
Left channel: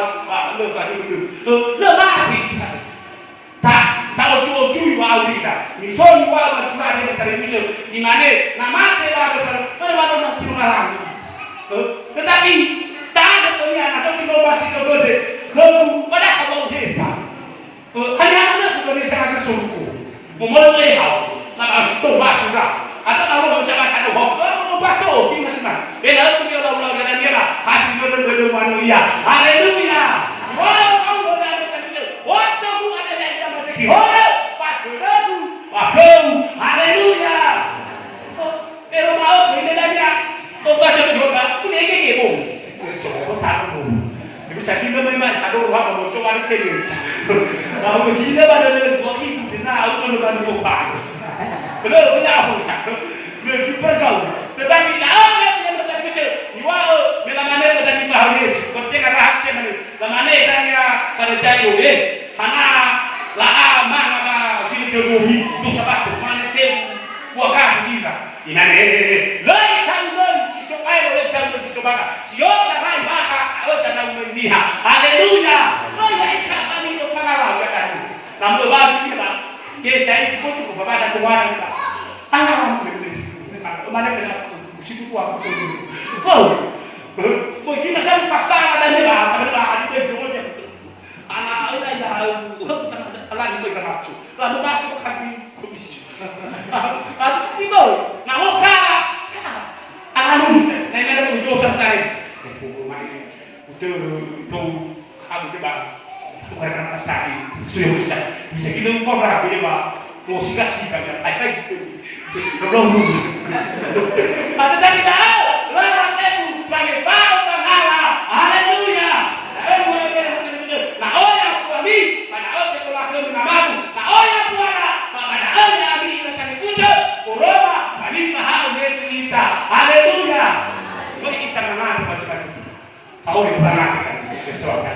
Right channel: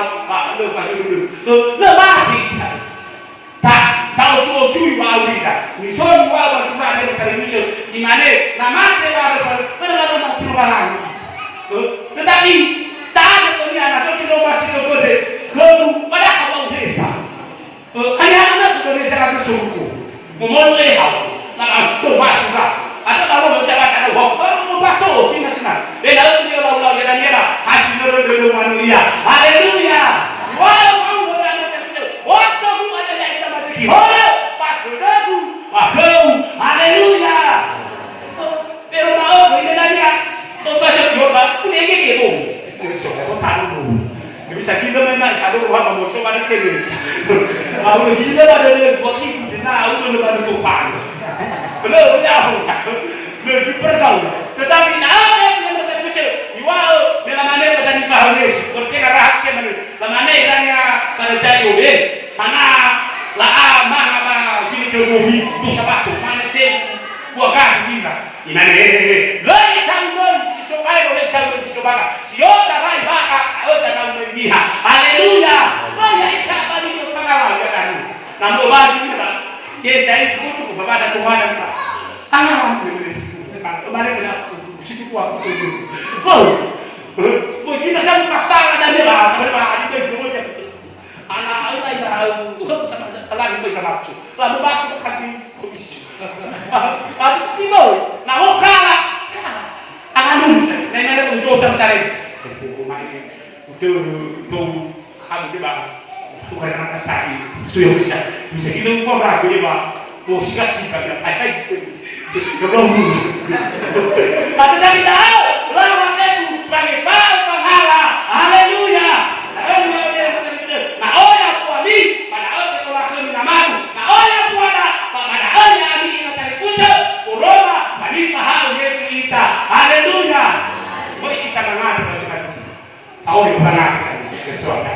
lu kasih dulu, mati, tak tahu cuy mau kita, misal mau curah dari televisi, di mana, nama ada masih malang, tetapi tak ada punya nasib kita masih kebede. Kau pada kamu kita, hanya mana sudah diceritakan suku, memulai hal, nak asal masuk atau kalau bersama ada waktu, waktu cina senang. Dan lalu dia lalu dia hasil dari manusia. Haleluya. Walau kamu berada di situ, waktu kamu ada yang macam ini. Walau pakau, haleluya. Pero mau ini lagi, kau baca doa, pun ini kebo. Sudah kau tahu. Bisa kita memang ada orang mau soal itu. Kalau kita ada waktu itu, nak aku ada tumpang. Belum jauh, belum perjauh. Tetapi nak yang kita bisa, jual bila mana kita dipahami, seperti rahasia mana. Mana iranya pada jauh ni, mana lah mana bila keruhi tu sebab tu mana tu bukan kita. Ini lagi tanggung supaya oleh tanggung supaya siapa yang maka tanggung dia. Haleluya. Banyak ikat tadi tu sangat kan. Namun bagi kita, kita itu cukup pada Tuhan kita. Mana kena situ kuat tu. Oh, kita sampai pasang ada ni lah, ada dia jual dia. Anak dah lagi berkerap tu. Lalu masuk ke komisi. Atau tiba, nak kalah. Akan nenek unjuk tertarik. Buku main itu kamu tu bang, bukan kerana saksi. Sudah bisa kita ngomong dia bang. Oh sikap dia, apa itu? Belum. Tapi tapi tahu, lawan itu bagi pahala. Haleluya. Nah orang kuali, pada orang kelakuan namamu. Nah orang kuala, pada orang ini kita pusat, Roma, bagi pahala Yesus kita. Haleluya. Boleh kita dengar macam-macam. Tahu di mana kita sesuatu.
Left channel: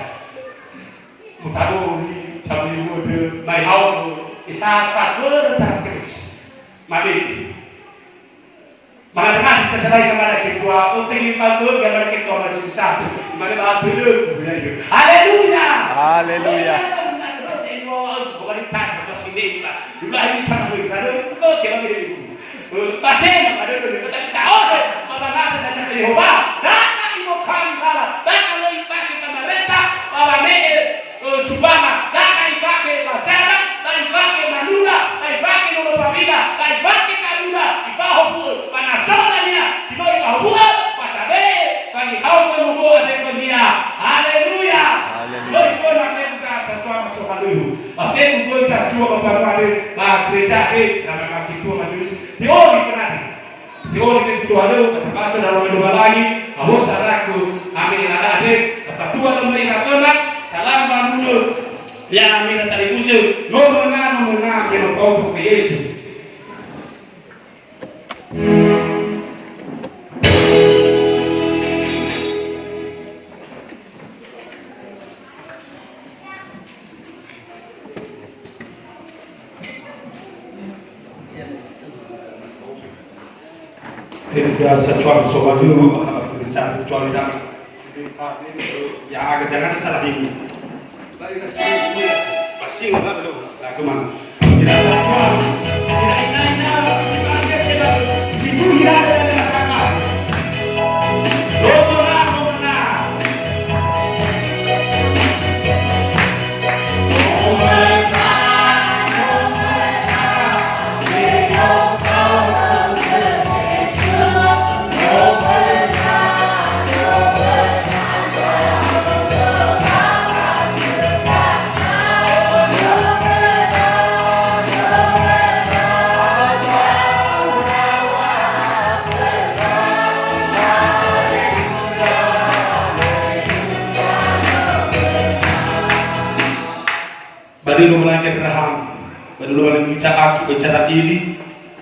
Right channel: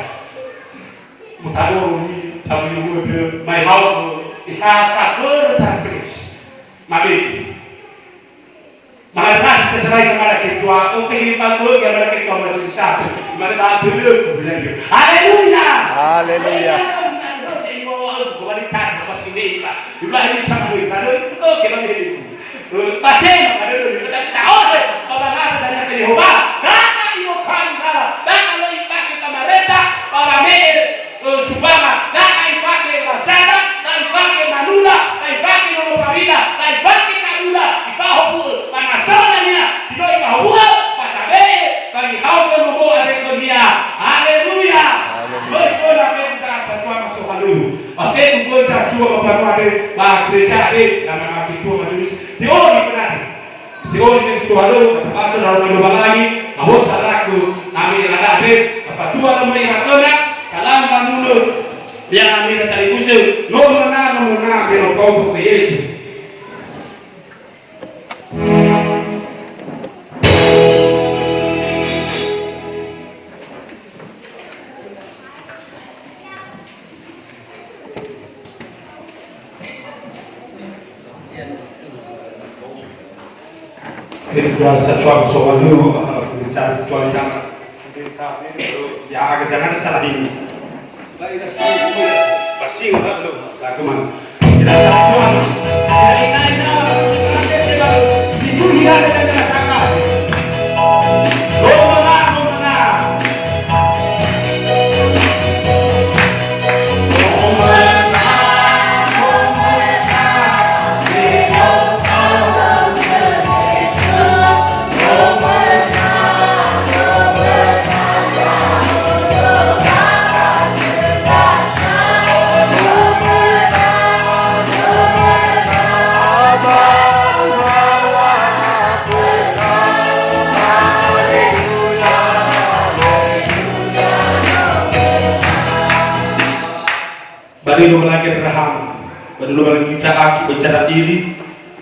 Mutado ni tahu yang my house kita sakor terkris. Mari. Mana keserai kepada ketua, untuk dibantu kepada ketua majelis satu. Mana belum belajar. Haleluya. Haleluya. Kualitas masih ini pak. Dulu hari sampai kalau kau kena beri. Pakai ada dulu kita tahu apa nama saya Yehova. Rasa ibu kan malah. Bahkan lagi pakai kamareta, orang mel subama. Rasa pakai wacana, dan pakai manula, dan pakai nolopamina, dan pakai kalula. Ibahu panasonanya, tidak ibahu pasabe. Kami kau menubu ada dia. Haleluya. Haleluya. Pakai buku cacua apa-apa bah gereja dalam kitab majelis teori benar teori itu ada pasal dalam dua lagi awak saraku ambil ada apa tua nomor anak kalam manulu yang ambil tadi usul nomor 6 belok kau ke Yesus. Kita sesuatu soal dulu bicara kecuali yang agak jangan salah ini. Pasti udah belum. Lagu mana? Tidak salah. Bagi lagi Abraham, berdua lagi bicara ini,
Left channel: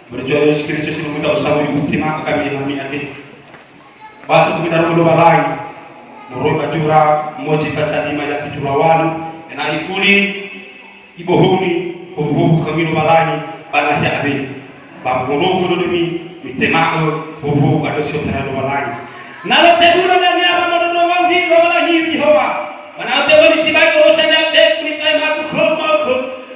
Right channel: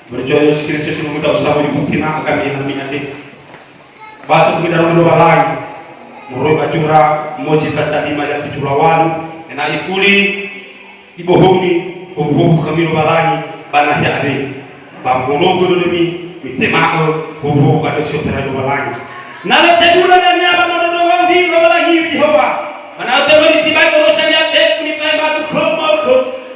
berjuang Kristus sebelum kita usah bukti maka kami yang nanti. Bahasa kita berdua lagi, menurut acura, moji kaca lima yang dicurawan, enak ifuli, ibohoni, hubu kami berdua lagi, panah ya ada, bangkono kudu demi, mitemaho, hubu ada saudara berdua lagi. Nala tegura dan apa menurut di berdua lagi Yehova. Mana tahu di sini urusan yang teknik ni batu khom,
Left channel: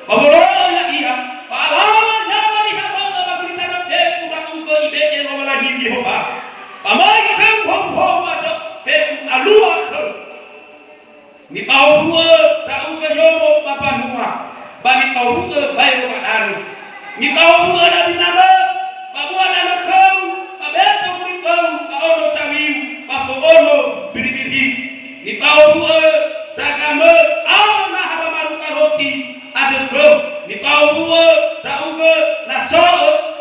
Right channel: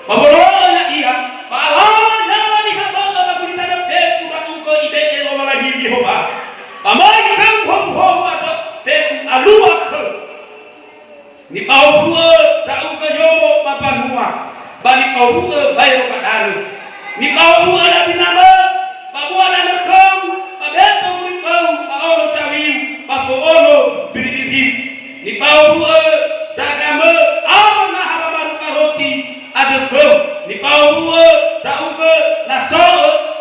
babolonya iya, balanya ni hamba batu ni tanam teknik batu ko ibe yang lagi Yehova. Amai kan khom ada teknik alua khom. Ni pau buo tahu ke yomo papa mua, bani pau buo bayo kadang. Ni pau buo ada binama, babu ada khom, abeto ni pau, pau cawim, papo ono biri. Ni pau buo dagama apa mahaba maruka roti ada ke ni pau buo tahu ke naso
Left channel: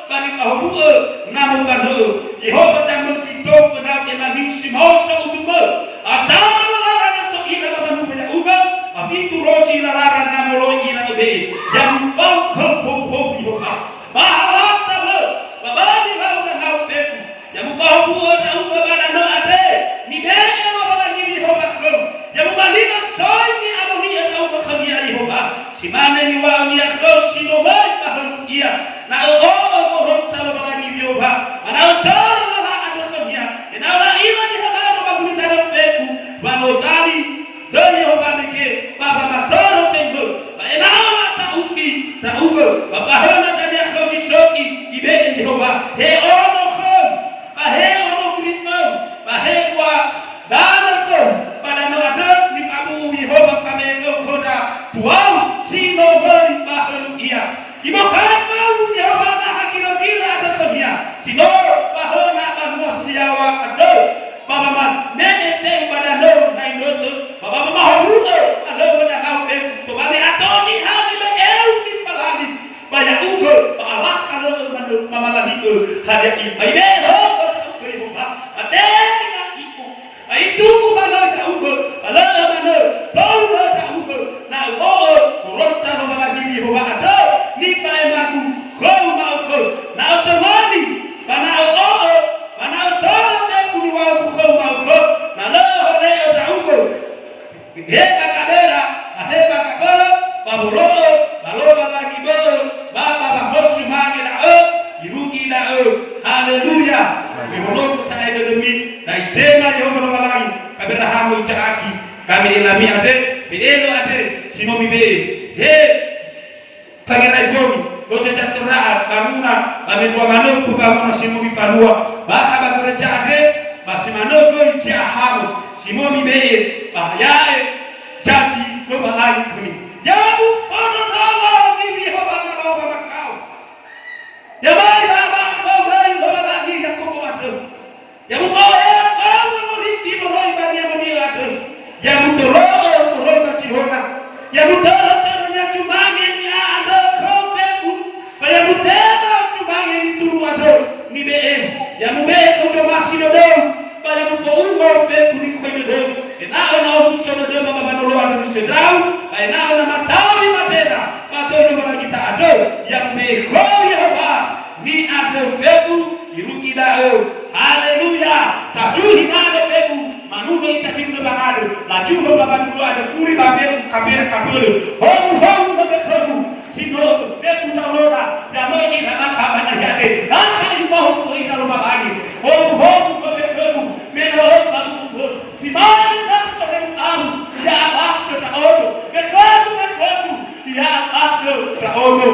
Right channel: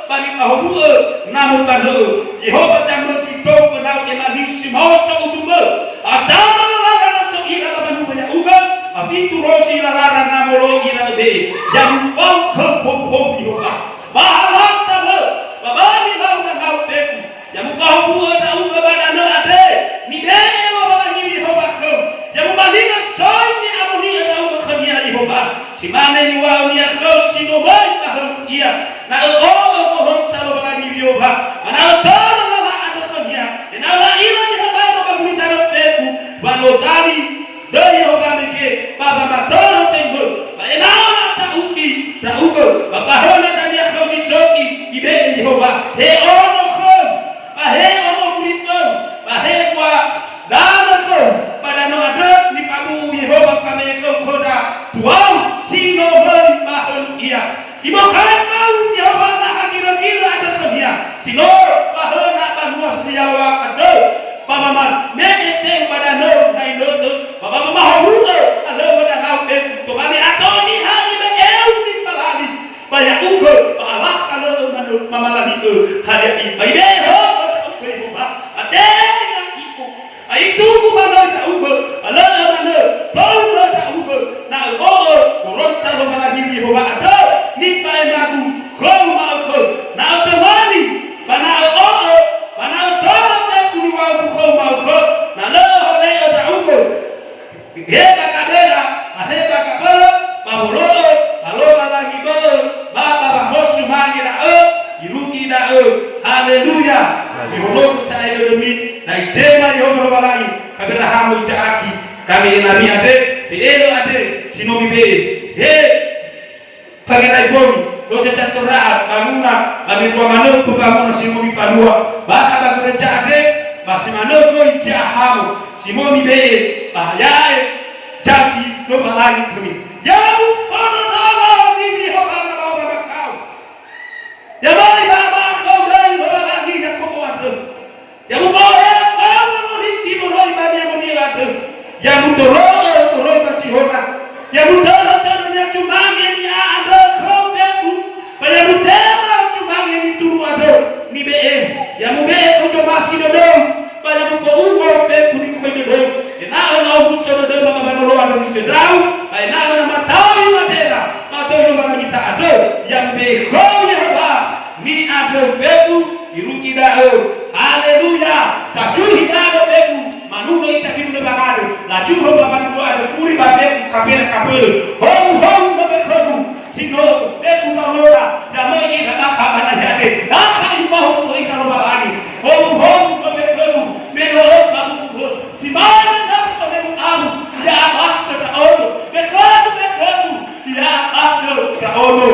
bani pau buo namu kado Yehova jangan cito kenal kena lisi mau saudume asal lara naso ira banu banyak uga apitu roji lara namolo ira be jam pau ke pom Yehova bahwa sama babani mau nangau teku jam pau buo tahu ke badano ade ni be yang membandingkan soalnya amuni atau kekhania Yehova si mana ni wa ni akhau si no baik tahun ia na mohon salam lagi Yehova ana tar la ada kekhania dan ala ila Yehova bagi tanah teku balo dari de Yehova ke baba mator tembo ena ala tauki taugo baba hona dan akhau si soki ibe Yehova he ono khom he ono brito he kwa dan khom pada no ada ni pabu Yehova kami koda tuau sino beri bahun ia ibu kau Yehova lah kira-kira ada sedia sino bahun nak bahwa siawa ada bapa man mete pada no nai no bapa mama huru ada pada kau tu kami atau ni hari be ni palali banyak unggul Allah kalau mama lagi hari ini be ho Yehova ada itu bukan tak ubah, Allah mana, tahu tak ubah, nak ubah, kurasa rumah lagi Yehova ada, ni tak mahu, kau mahu, nak temani, mana ubah, mana tahu tak kuliah kau mahu, nak leh tak ubah, hebat kadera, hebat kabel, babolo, balo lagi bel, baba hosu mangi dah, iruki dah, haleluya. Minulog sa ito demi na itema Yehova Balangi kabirahamu jaaki kami inami ade pielo ade sinomi be he pagirai bomi dose tatura banguna kami dua manuk banguna sinomi panua baka bagure jade basimanoko ijahamu sinomi be bahayae jaki no Balangi kami yabu ono nama bibi Yehova makau yabai baba kau rai Balangi yakobo ya mubaya kamu riki moroi bani amoniatu ya mudoro moroi bachihona ya mudoro tanya cumange nya ando koteku ya mudema cumange itu ado ni be ya mube ko masi do ya mubo ungo be kuni ko do na ona uso do mama banolo ado ni sedau na ona matawi madera matoyo bana kita ado yang be ko Yehova ni ado beku iruki dao. Haleluya. Tajuhi nado beku manuno itasimu bagado. La juho bagado ado furi babe kabena kabelo. Hong beku sino beku na lora. Damai na kabana yade. Aka ibahu ko ina lo bagani. Hong beku meno babu simana na sone amu ya abaso ta ono. Beku ya abaso ta ono.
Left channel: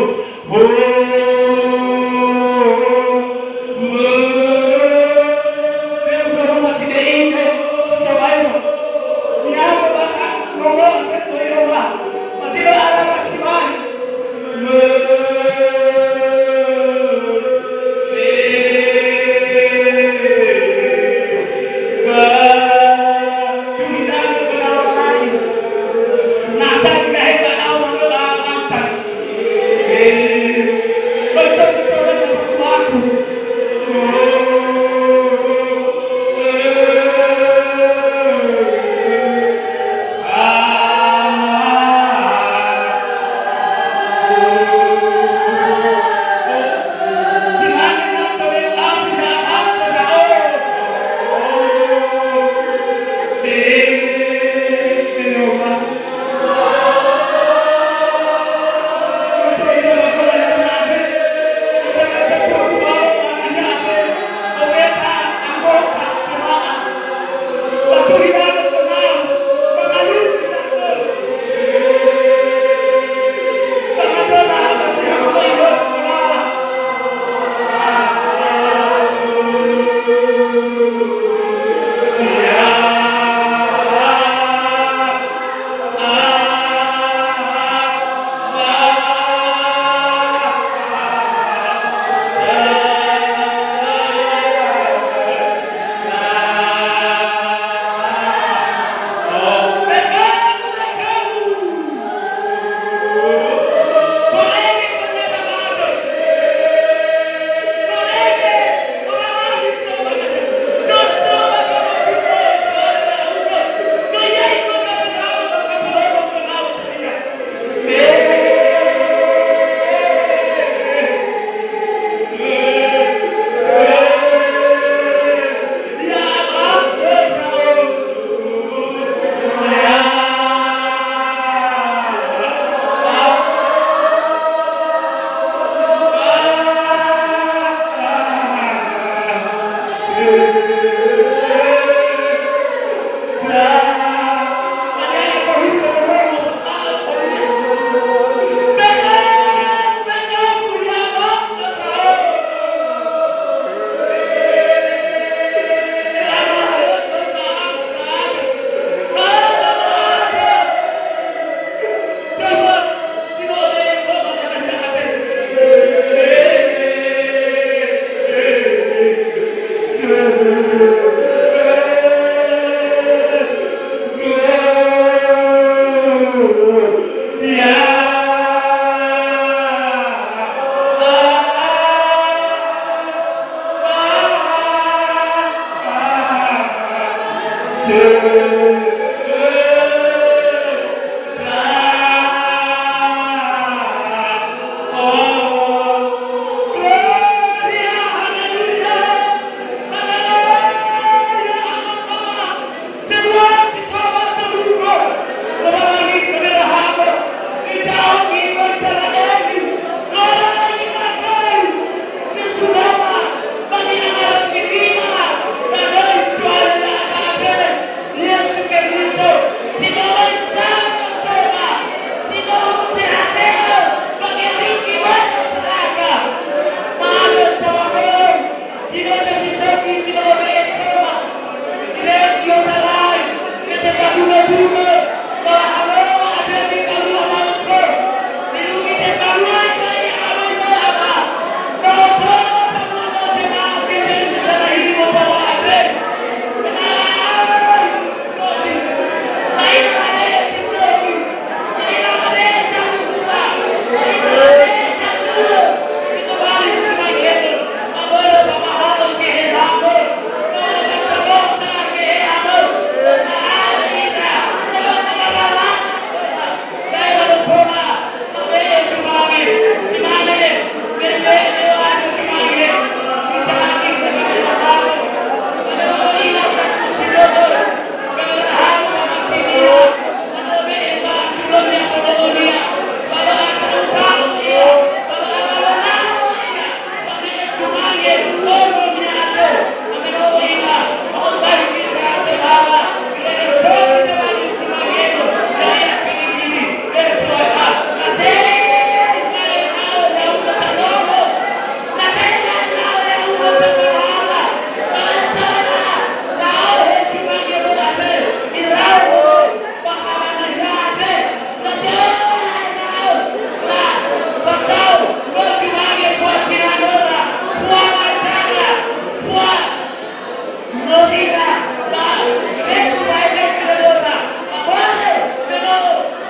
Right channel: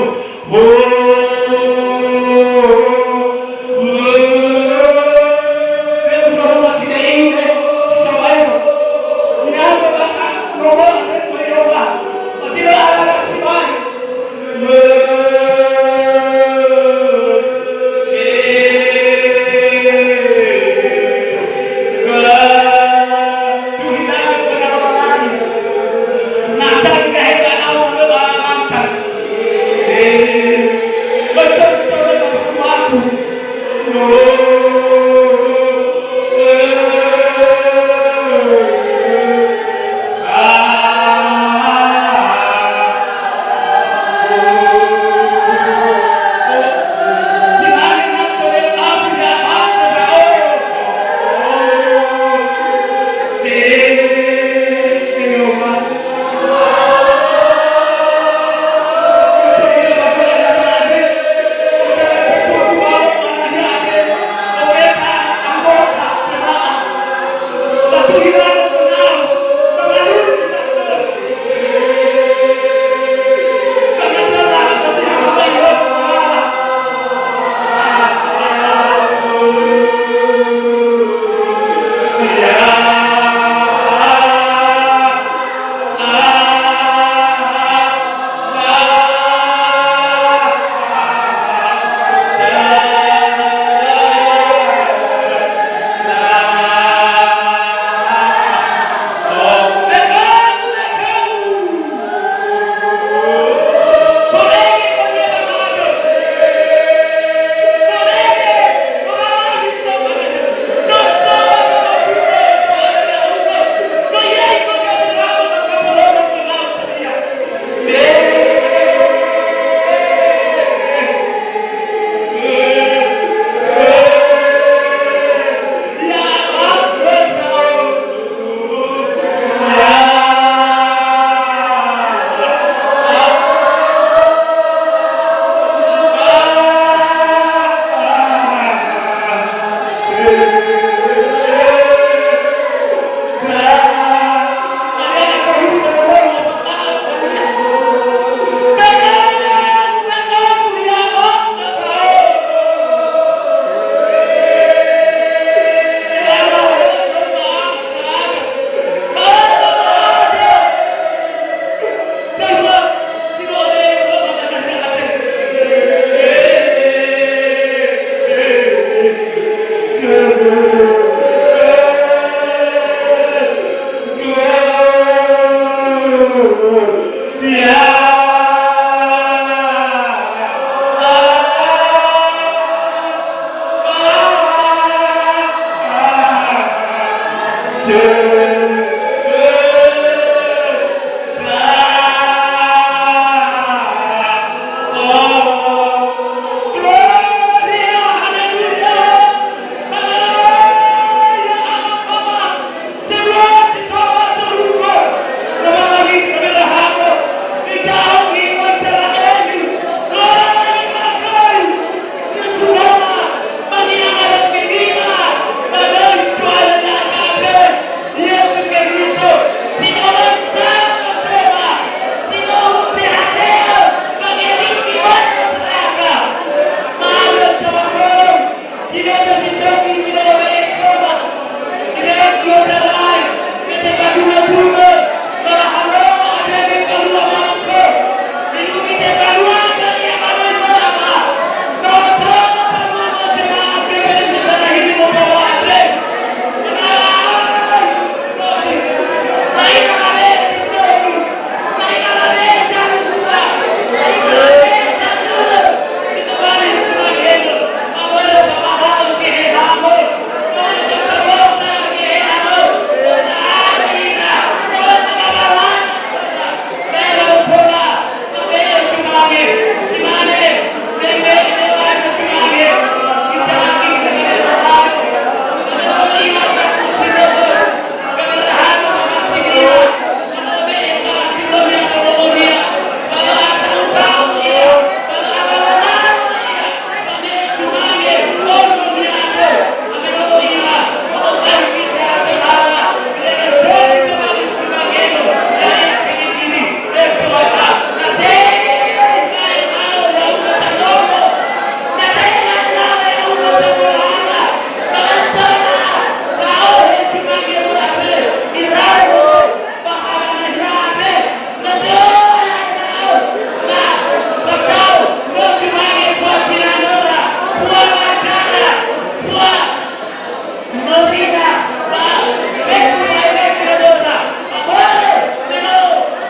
Novina, ba, ito ay nagkadora. Apare, pero,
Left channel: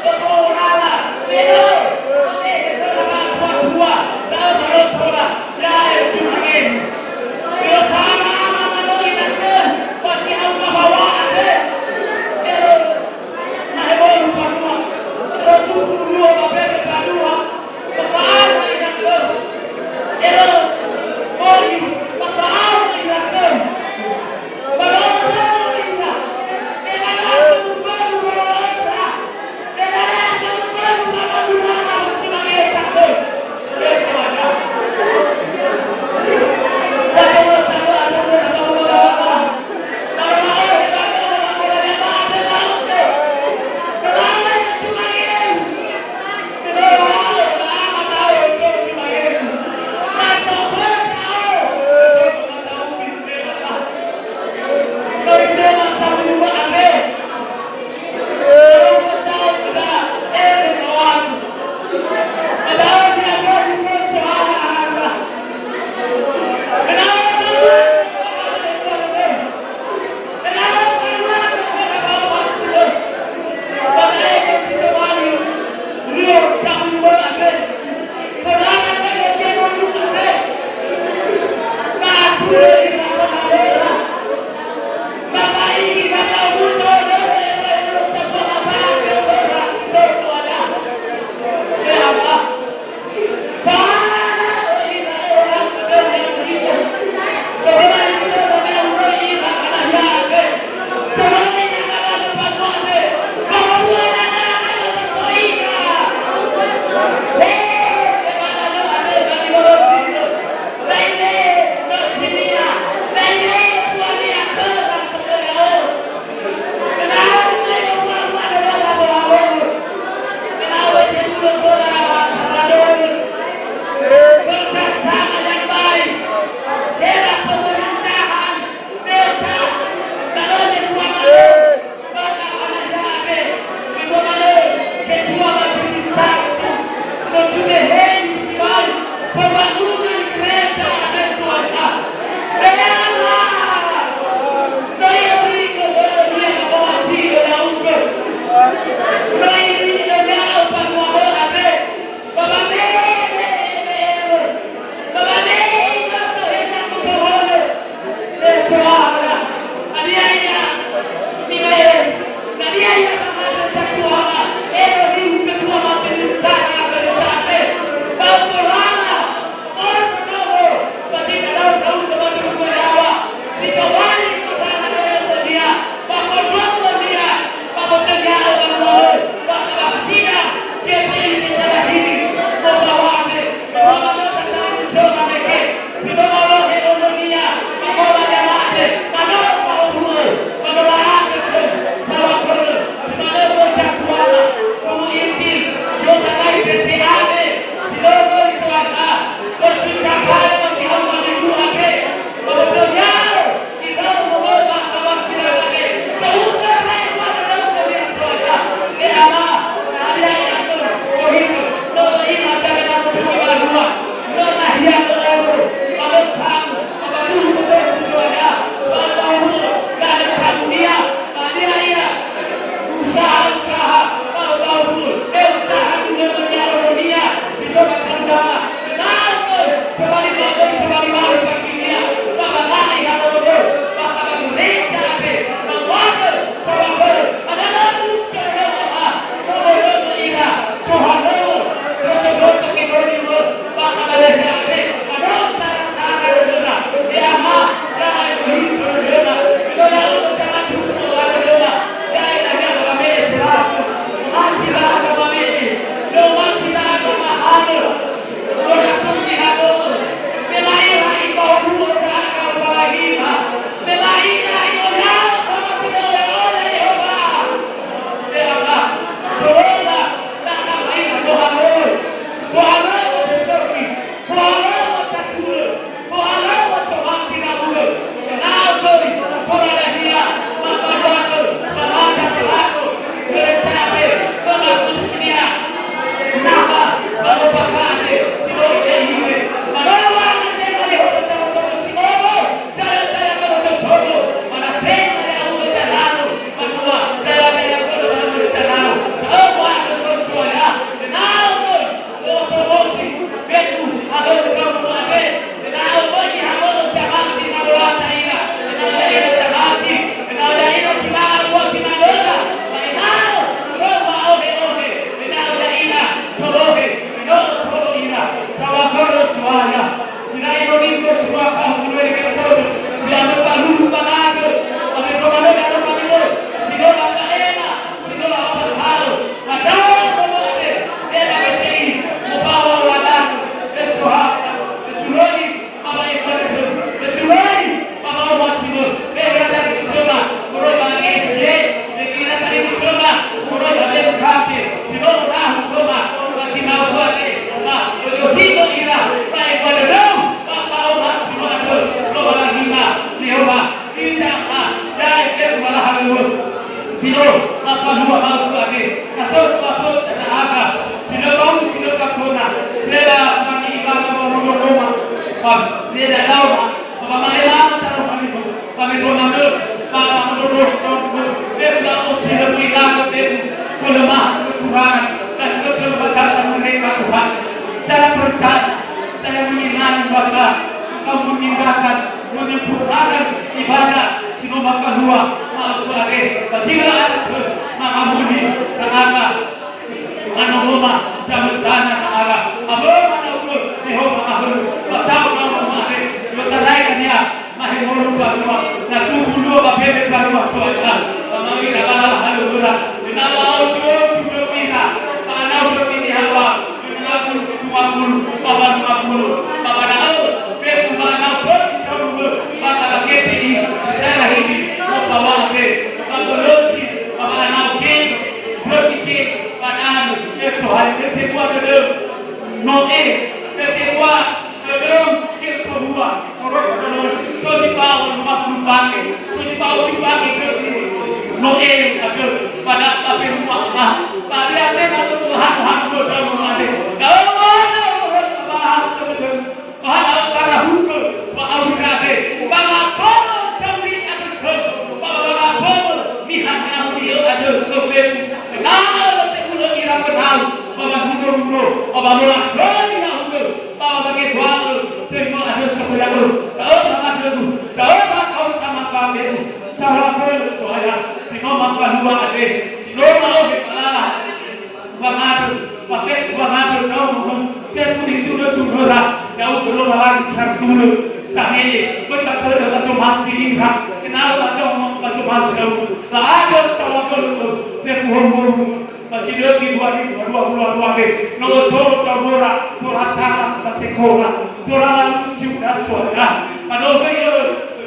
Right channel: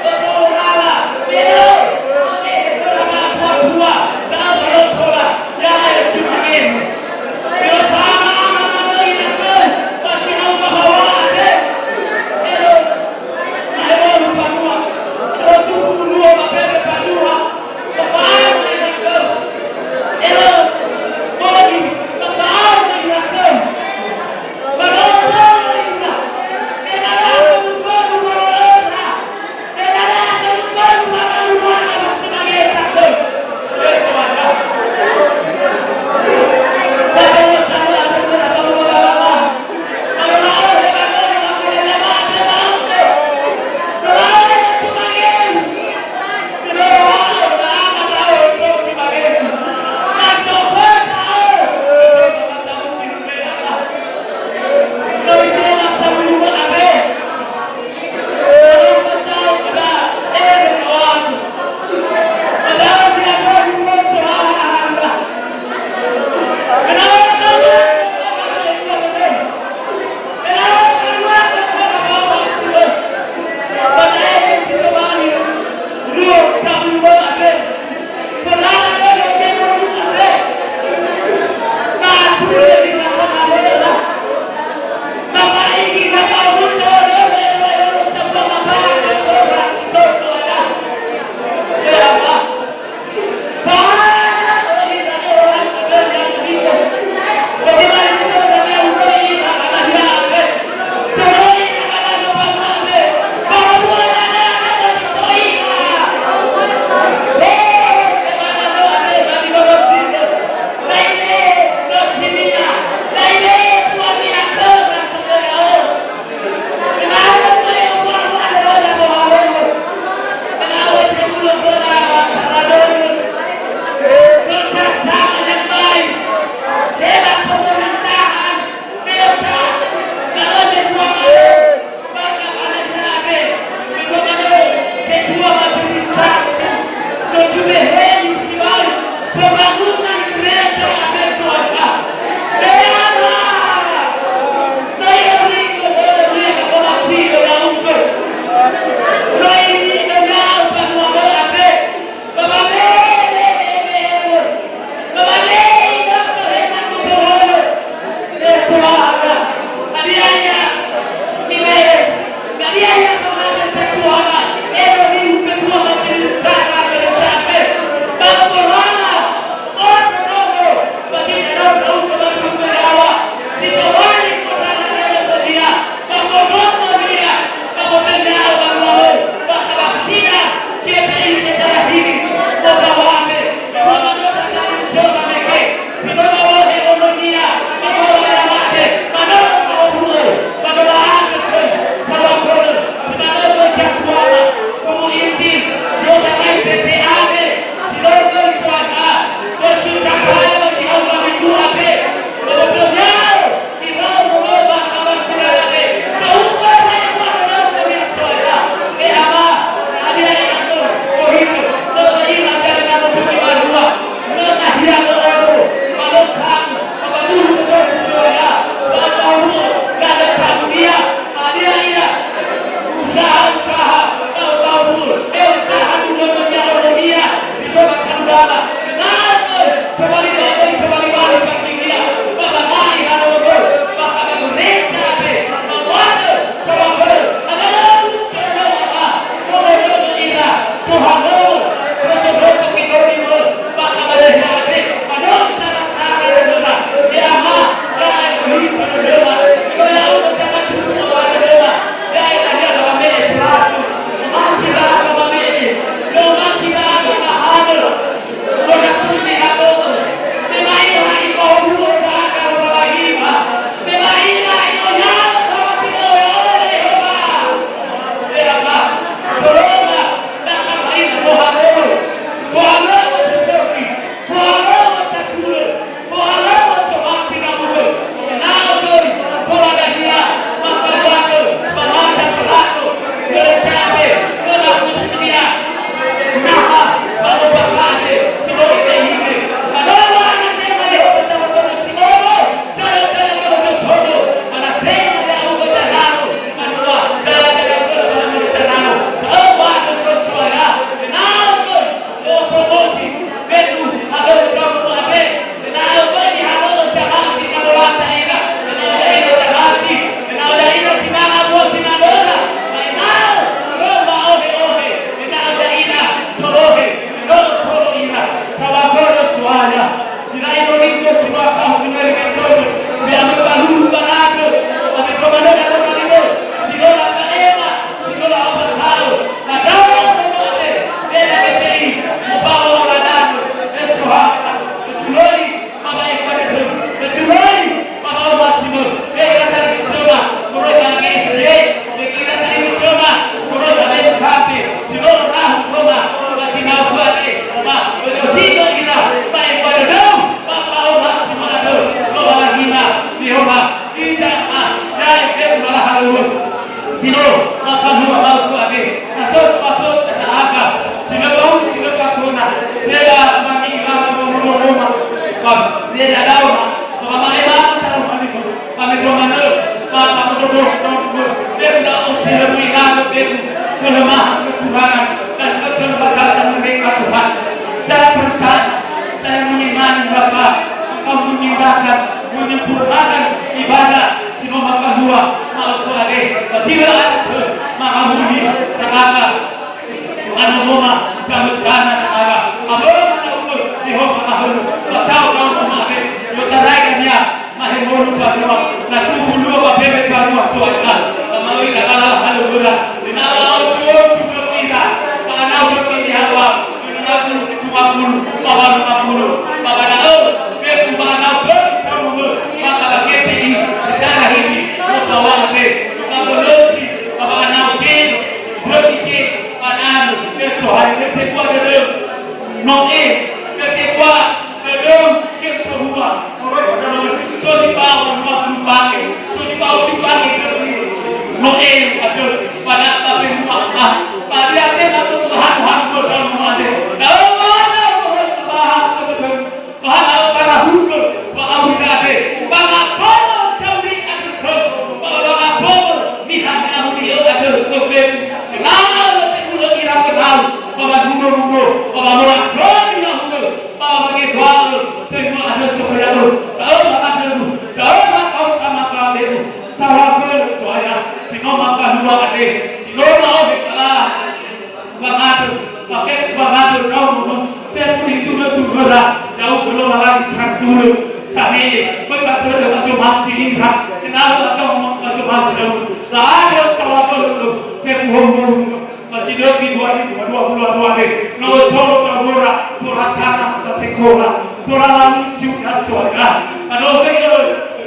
ito ngala, pero, ito na mga kuwa, dahil parotola, dahil ito magin. Pero tama ang managin natin, pati ang kabawaan eh. Pero, mahirong panua, pero tukulua, mapere panua, papaano ay natin. Pero, Mori, papaano ay natin. Pero, Jehova ija ya ke malah halu sino maka dua mau ade asal apa tak ada sino bau sino kakuna beda mani lama rumah kon beda daun apa mai lama taruh kami mana apa menurut beda sino kita beda kelemahan kekurangan dan keterbatasan mereka Tuhan. Saya percaya, saya mengimani Bapa, Engkau meninggalkan, menyempurnakan ibadah sinoma kedua mau ade. Jika ada mengamuni terangga, manoma jam sana terangga. Abang mana Yehova ahlu, pasal kamu ade. Yotarai kanya, mahimolu badua, natu bulu babebe badua soalnya. Kami adalah halu berat. Dinala usul kita, panau begini hawa. Bapa dah dia panau berkamu masa KPI secara ini bawa apa kalau bapa panau ke berarti panau dia soal dia cekwa dia noe dia cekwa dia ke semua orang so di bawah rumah pakai so di bawah pakai noe ada pada tapi rumah pada apa nak Tuhan dalam rumah dia jauh belum lagi satu sahih betul betul masih lihat kenal betul masih dulu ada salah dulu tepuhum masih lebih 2022 deh nomor tolong kamera turatana sekolah turalalu sudah suara kalau saya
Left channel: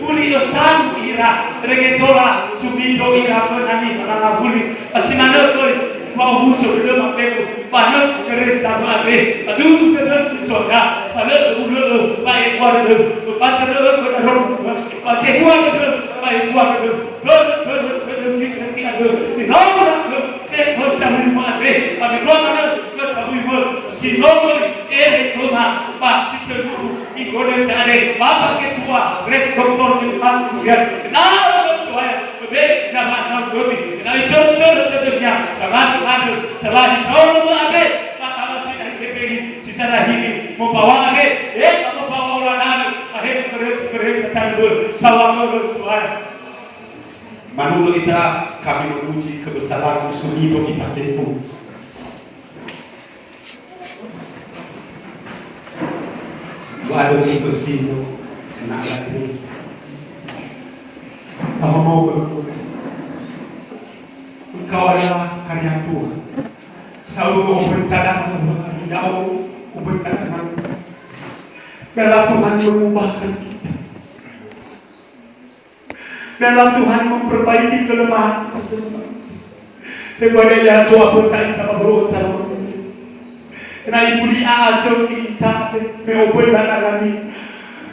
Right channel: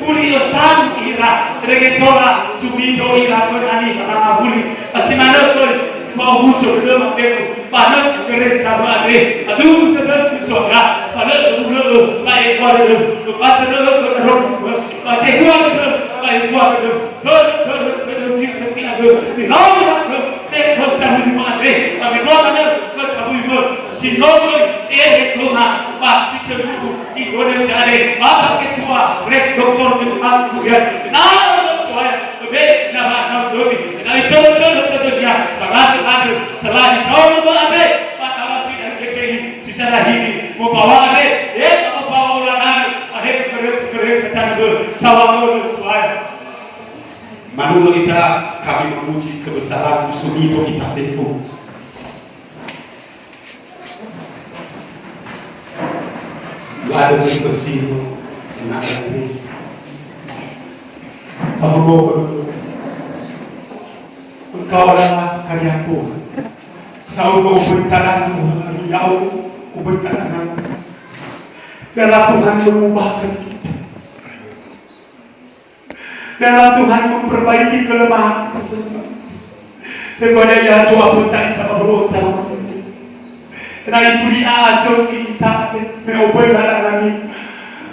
kuliah sangira regetora subido ira konani karena buli asimana tuh mau musuh belum aku panas kerja babe aduh kerja suara panas dulu baik kuat dulu panas dulu berorong baca kuat dulu baik kuat dulu kisah dulu nomor teknik campur babe tapi nomor ketahui sinogoi rumah pak disebut Indonesia ada bapak ketua rek doktor mentas ya nah soalnya lebih nama domi nah itu tentunya karena selain nomor abe pak awasi dan KPI sisa lagi mau bawa abe mau bawa ulangan ada keren ketangguh sawah soalnya Manula kita kami memuji kebesaran Sumido kita tempuh. Ada bersih enak lagi. Kamu mau Engkau adalah karyaku. Kau mau bertanam, kau bertanam. Dalam Tuhan mengubahkan kita. Dalam Tuhan memperbaiki kelemahan tersebut. Daripada yang doa bertanya tak berulang. Na ibuli ajo kita meobola nami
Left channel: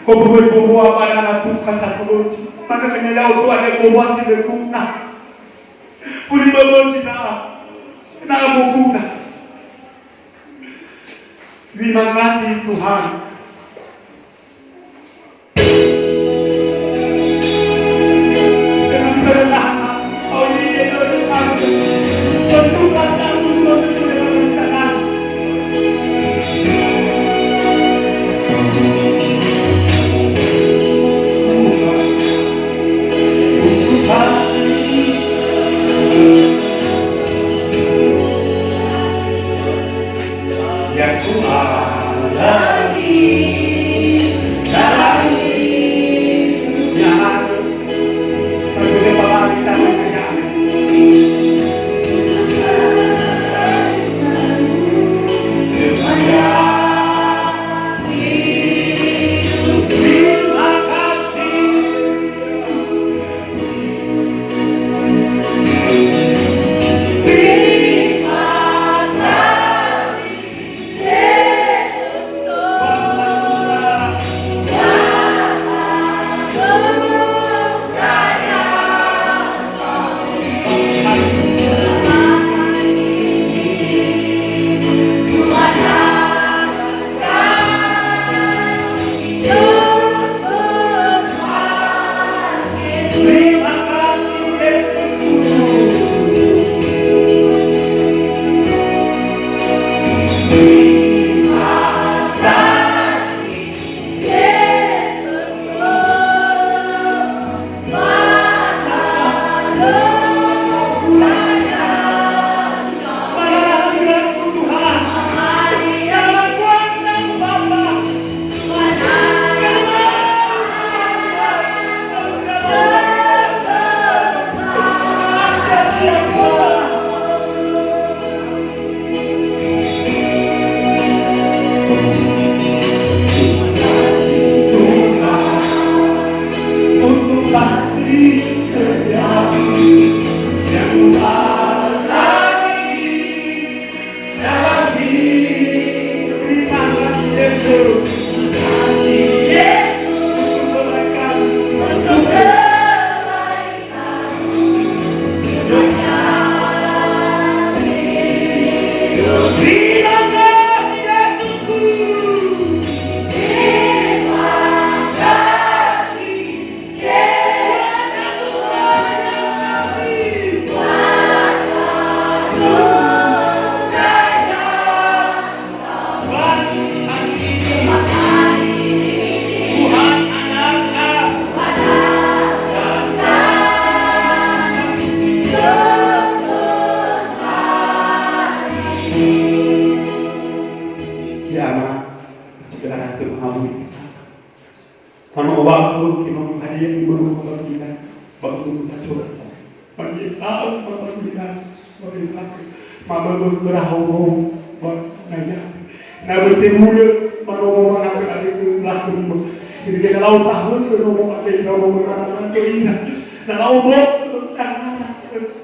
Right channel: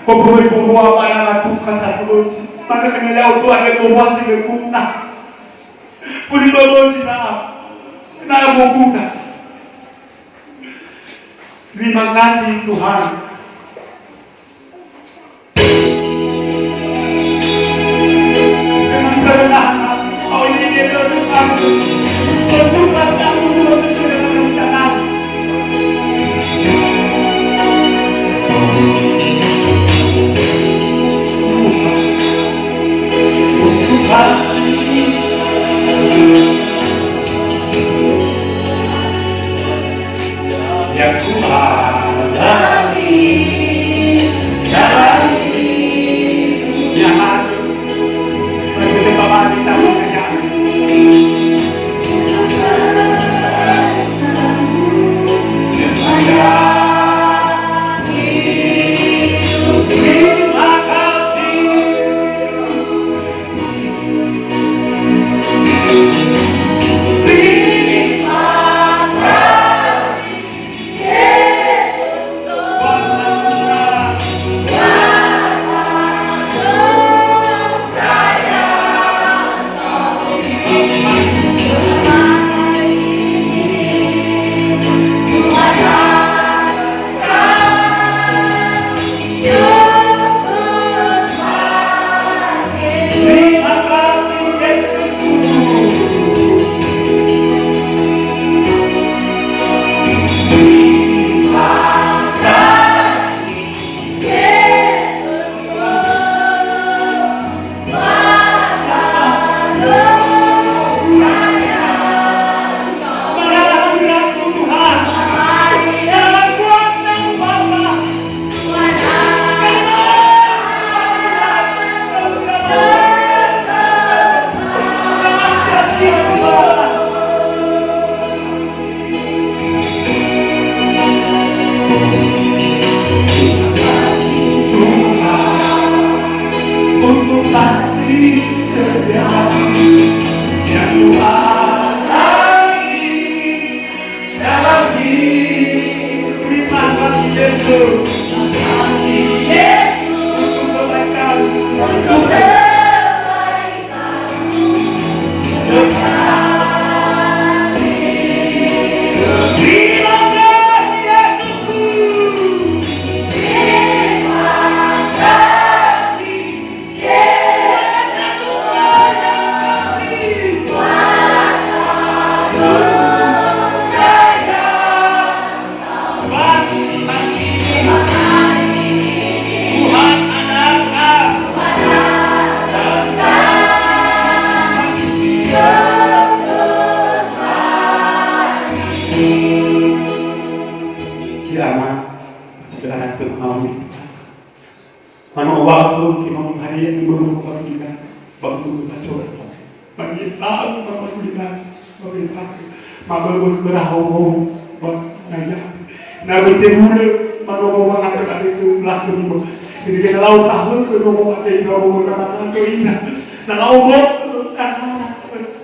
ko boy ko bana na tu kasapot maka kanya to ade ko wasi be kuna puli baboti na boguna. Terima kasih Tuhan. Dengan berenang kau ini dia Tuhan untuk katamu sesuai dengan rencana. Yang Tuhan dari kasih sejati yang Tuhan lagi dalam kehidupan Yesus. Kasih Yesus untuk kebaikan, untuk terima kasih Yesusku. Mano waktu kita menghadiri yang baru kita waktu kita coba bagi tahu bahwa kita berita malu berahau naya nabi temule mano mana ada itu laku jadi kita lau tahu ke nomo ada itu nomo mana itu ina na lau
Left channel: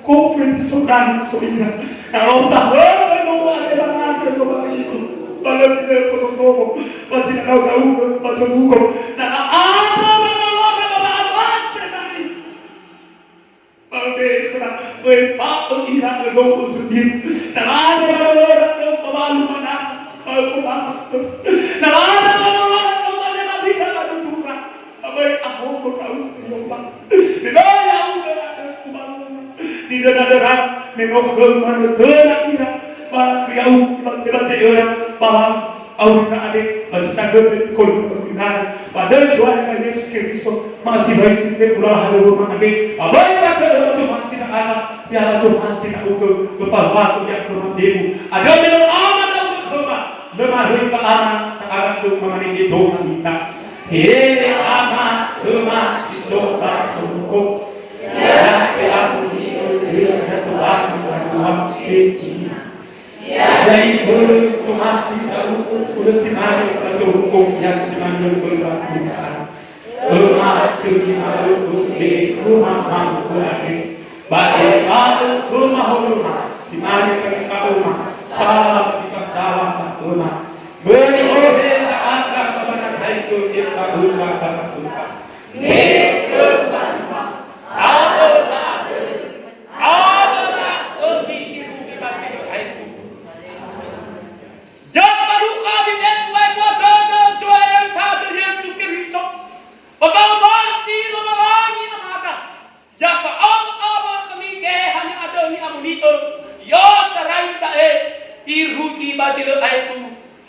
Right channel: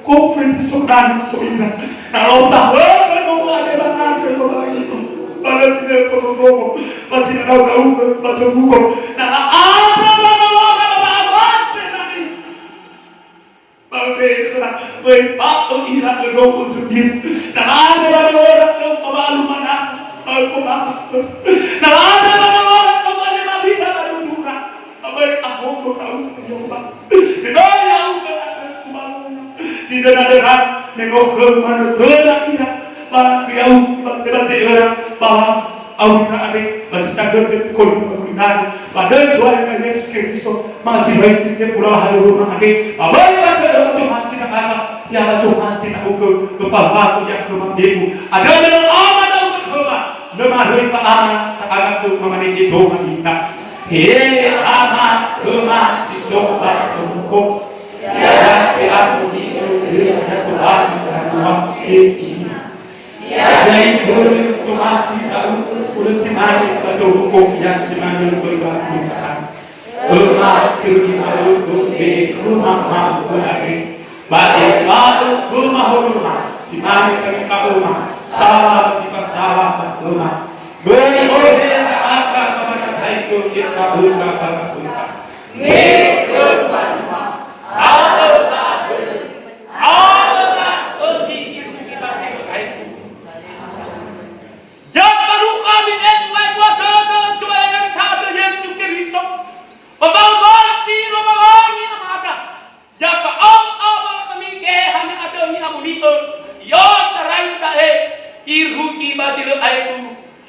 kofren sudan soina na lau tahu ke nomo ada mana itu nomo itu kalau tidak perlu pasti tahu baca buku nah apa berpak ira berdoa untuk dia dan ada orang yang malu mana aku malu dan ada orang kembali lagi dalam dunia baik aku tahu nyoba tidak yang aku malu tidak ada orang mengokhol mana telah ira bahwa kau baca orang bahwa Auna adik baca sadar kalau benar pada jual Yesus Kristus masih baik setiap pulau halu rumah adik abai pada itu masih nak apa tiada tu masih nak ukur kepala aku yang kemampu ada dalam aman dan kemampuan lemah dari pak aman tak ada tu mengenai doa kita hei aman lemah si sobat tunggu ya aku hidup dia Tuhan Tuhan ini jadi itu masih tahu sudah simpan atau hukum yang simpan berbahaya. Rumah rumah lagi. Baik rumah simpan ke rumah salah rumah. Beri oleh akan kepada itu kita buka.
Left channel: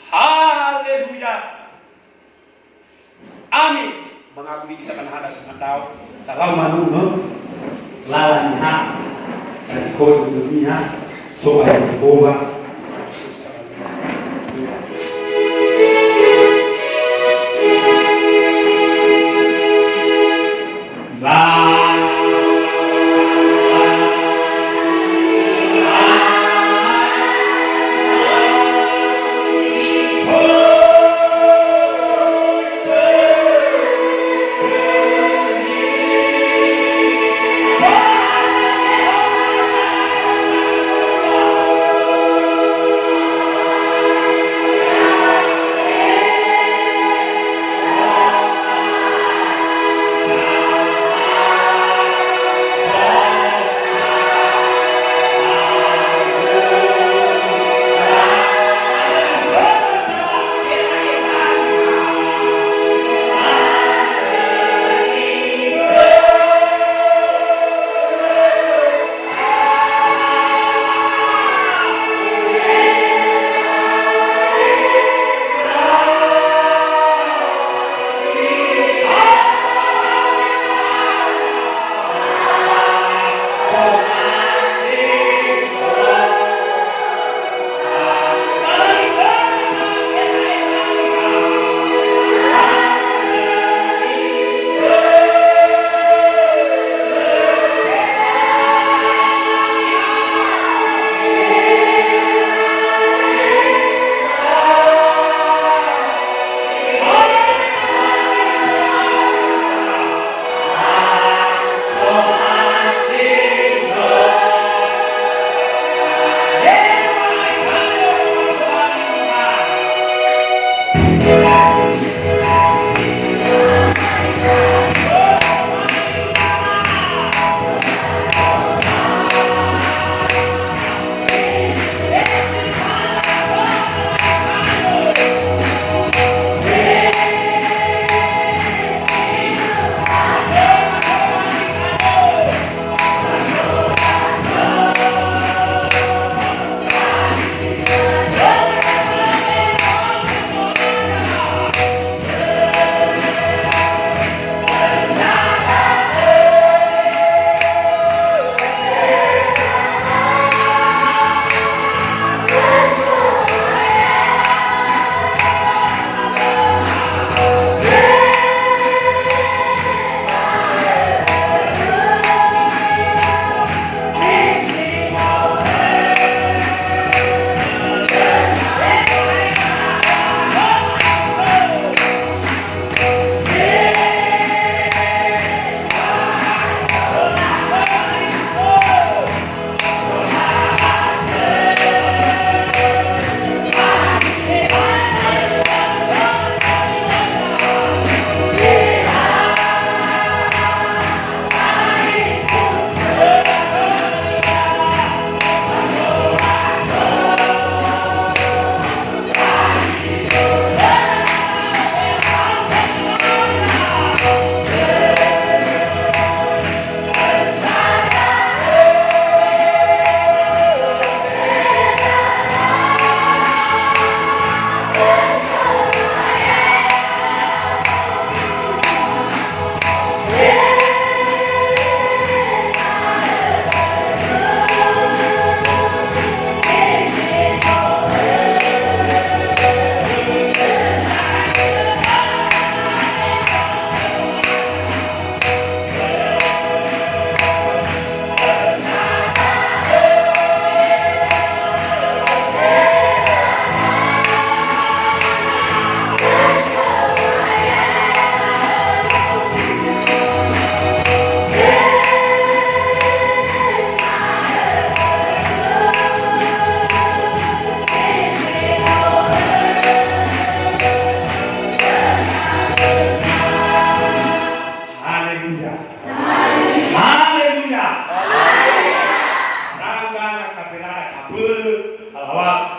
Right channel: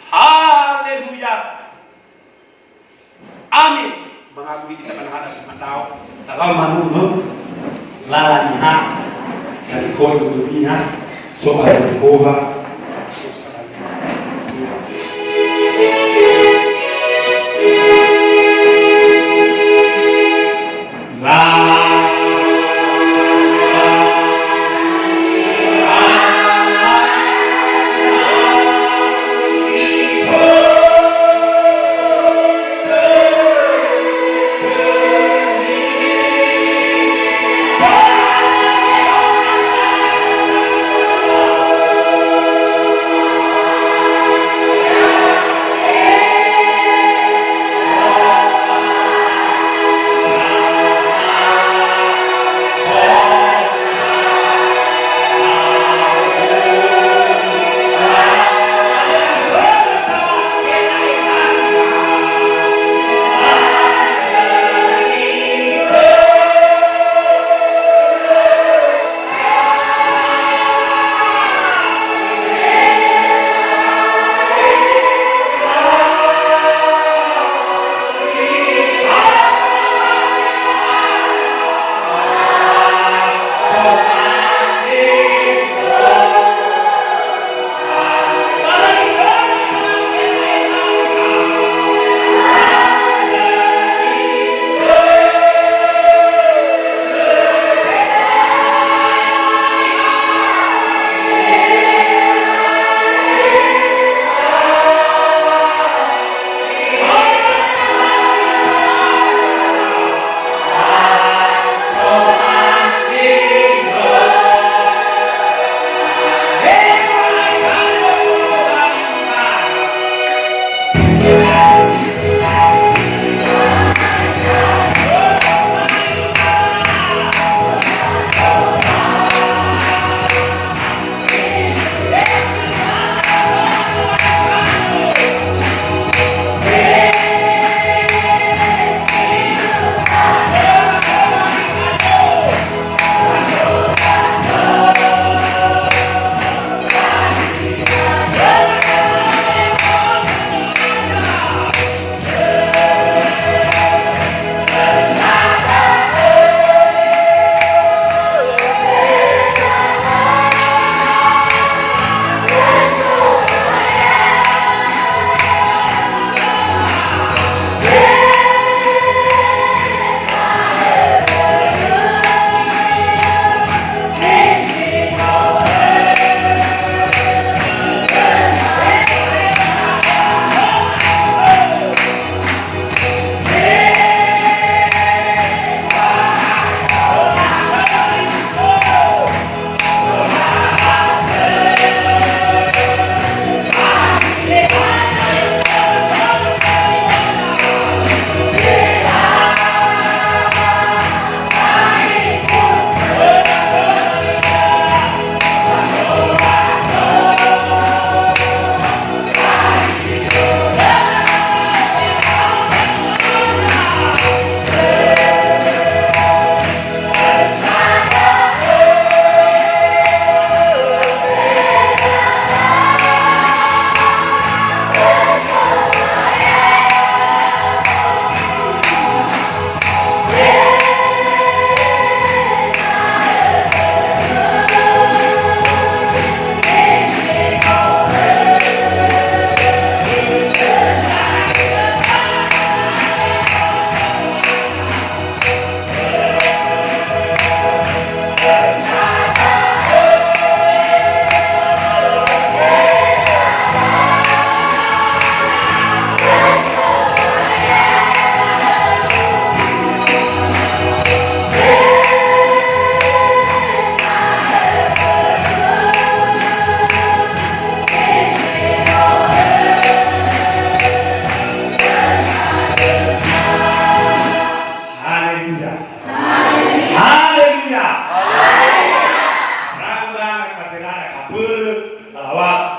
Haleluya. Amin. Mengakui kita menghadap tahu dalam manunu lalanya dari kau dunia soal Yehova.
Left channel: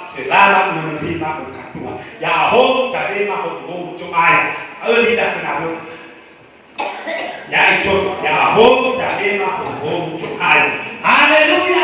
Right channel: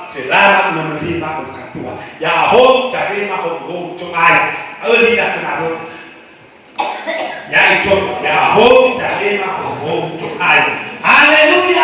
selamat menerima berkat Tuhan. Yahoo dari mahal cumaya. Lihat kenapa? Ya itu Yahoo dari mahal cumaya. Haleluya.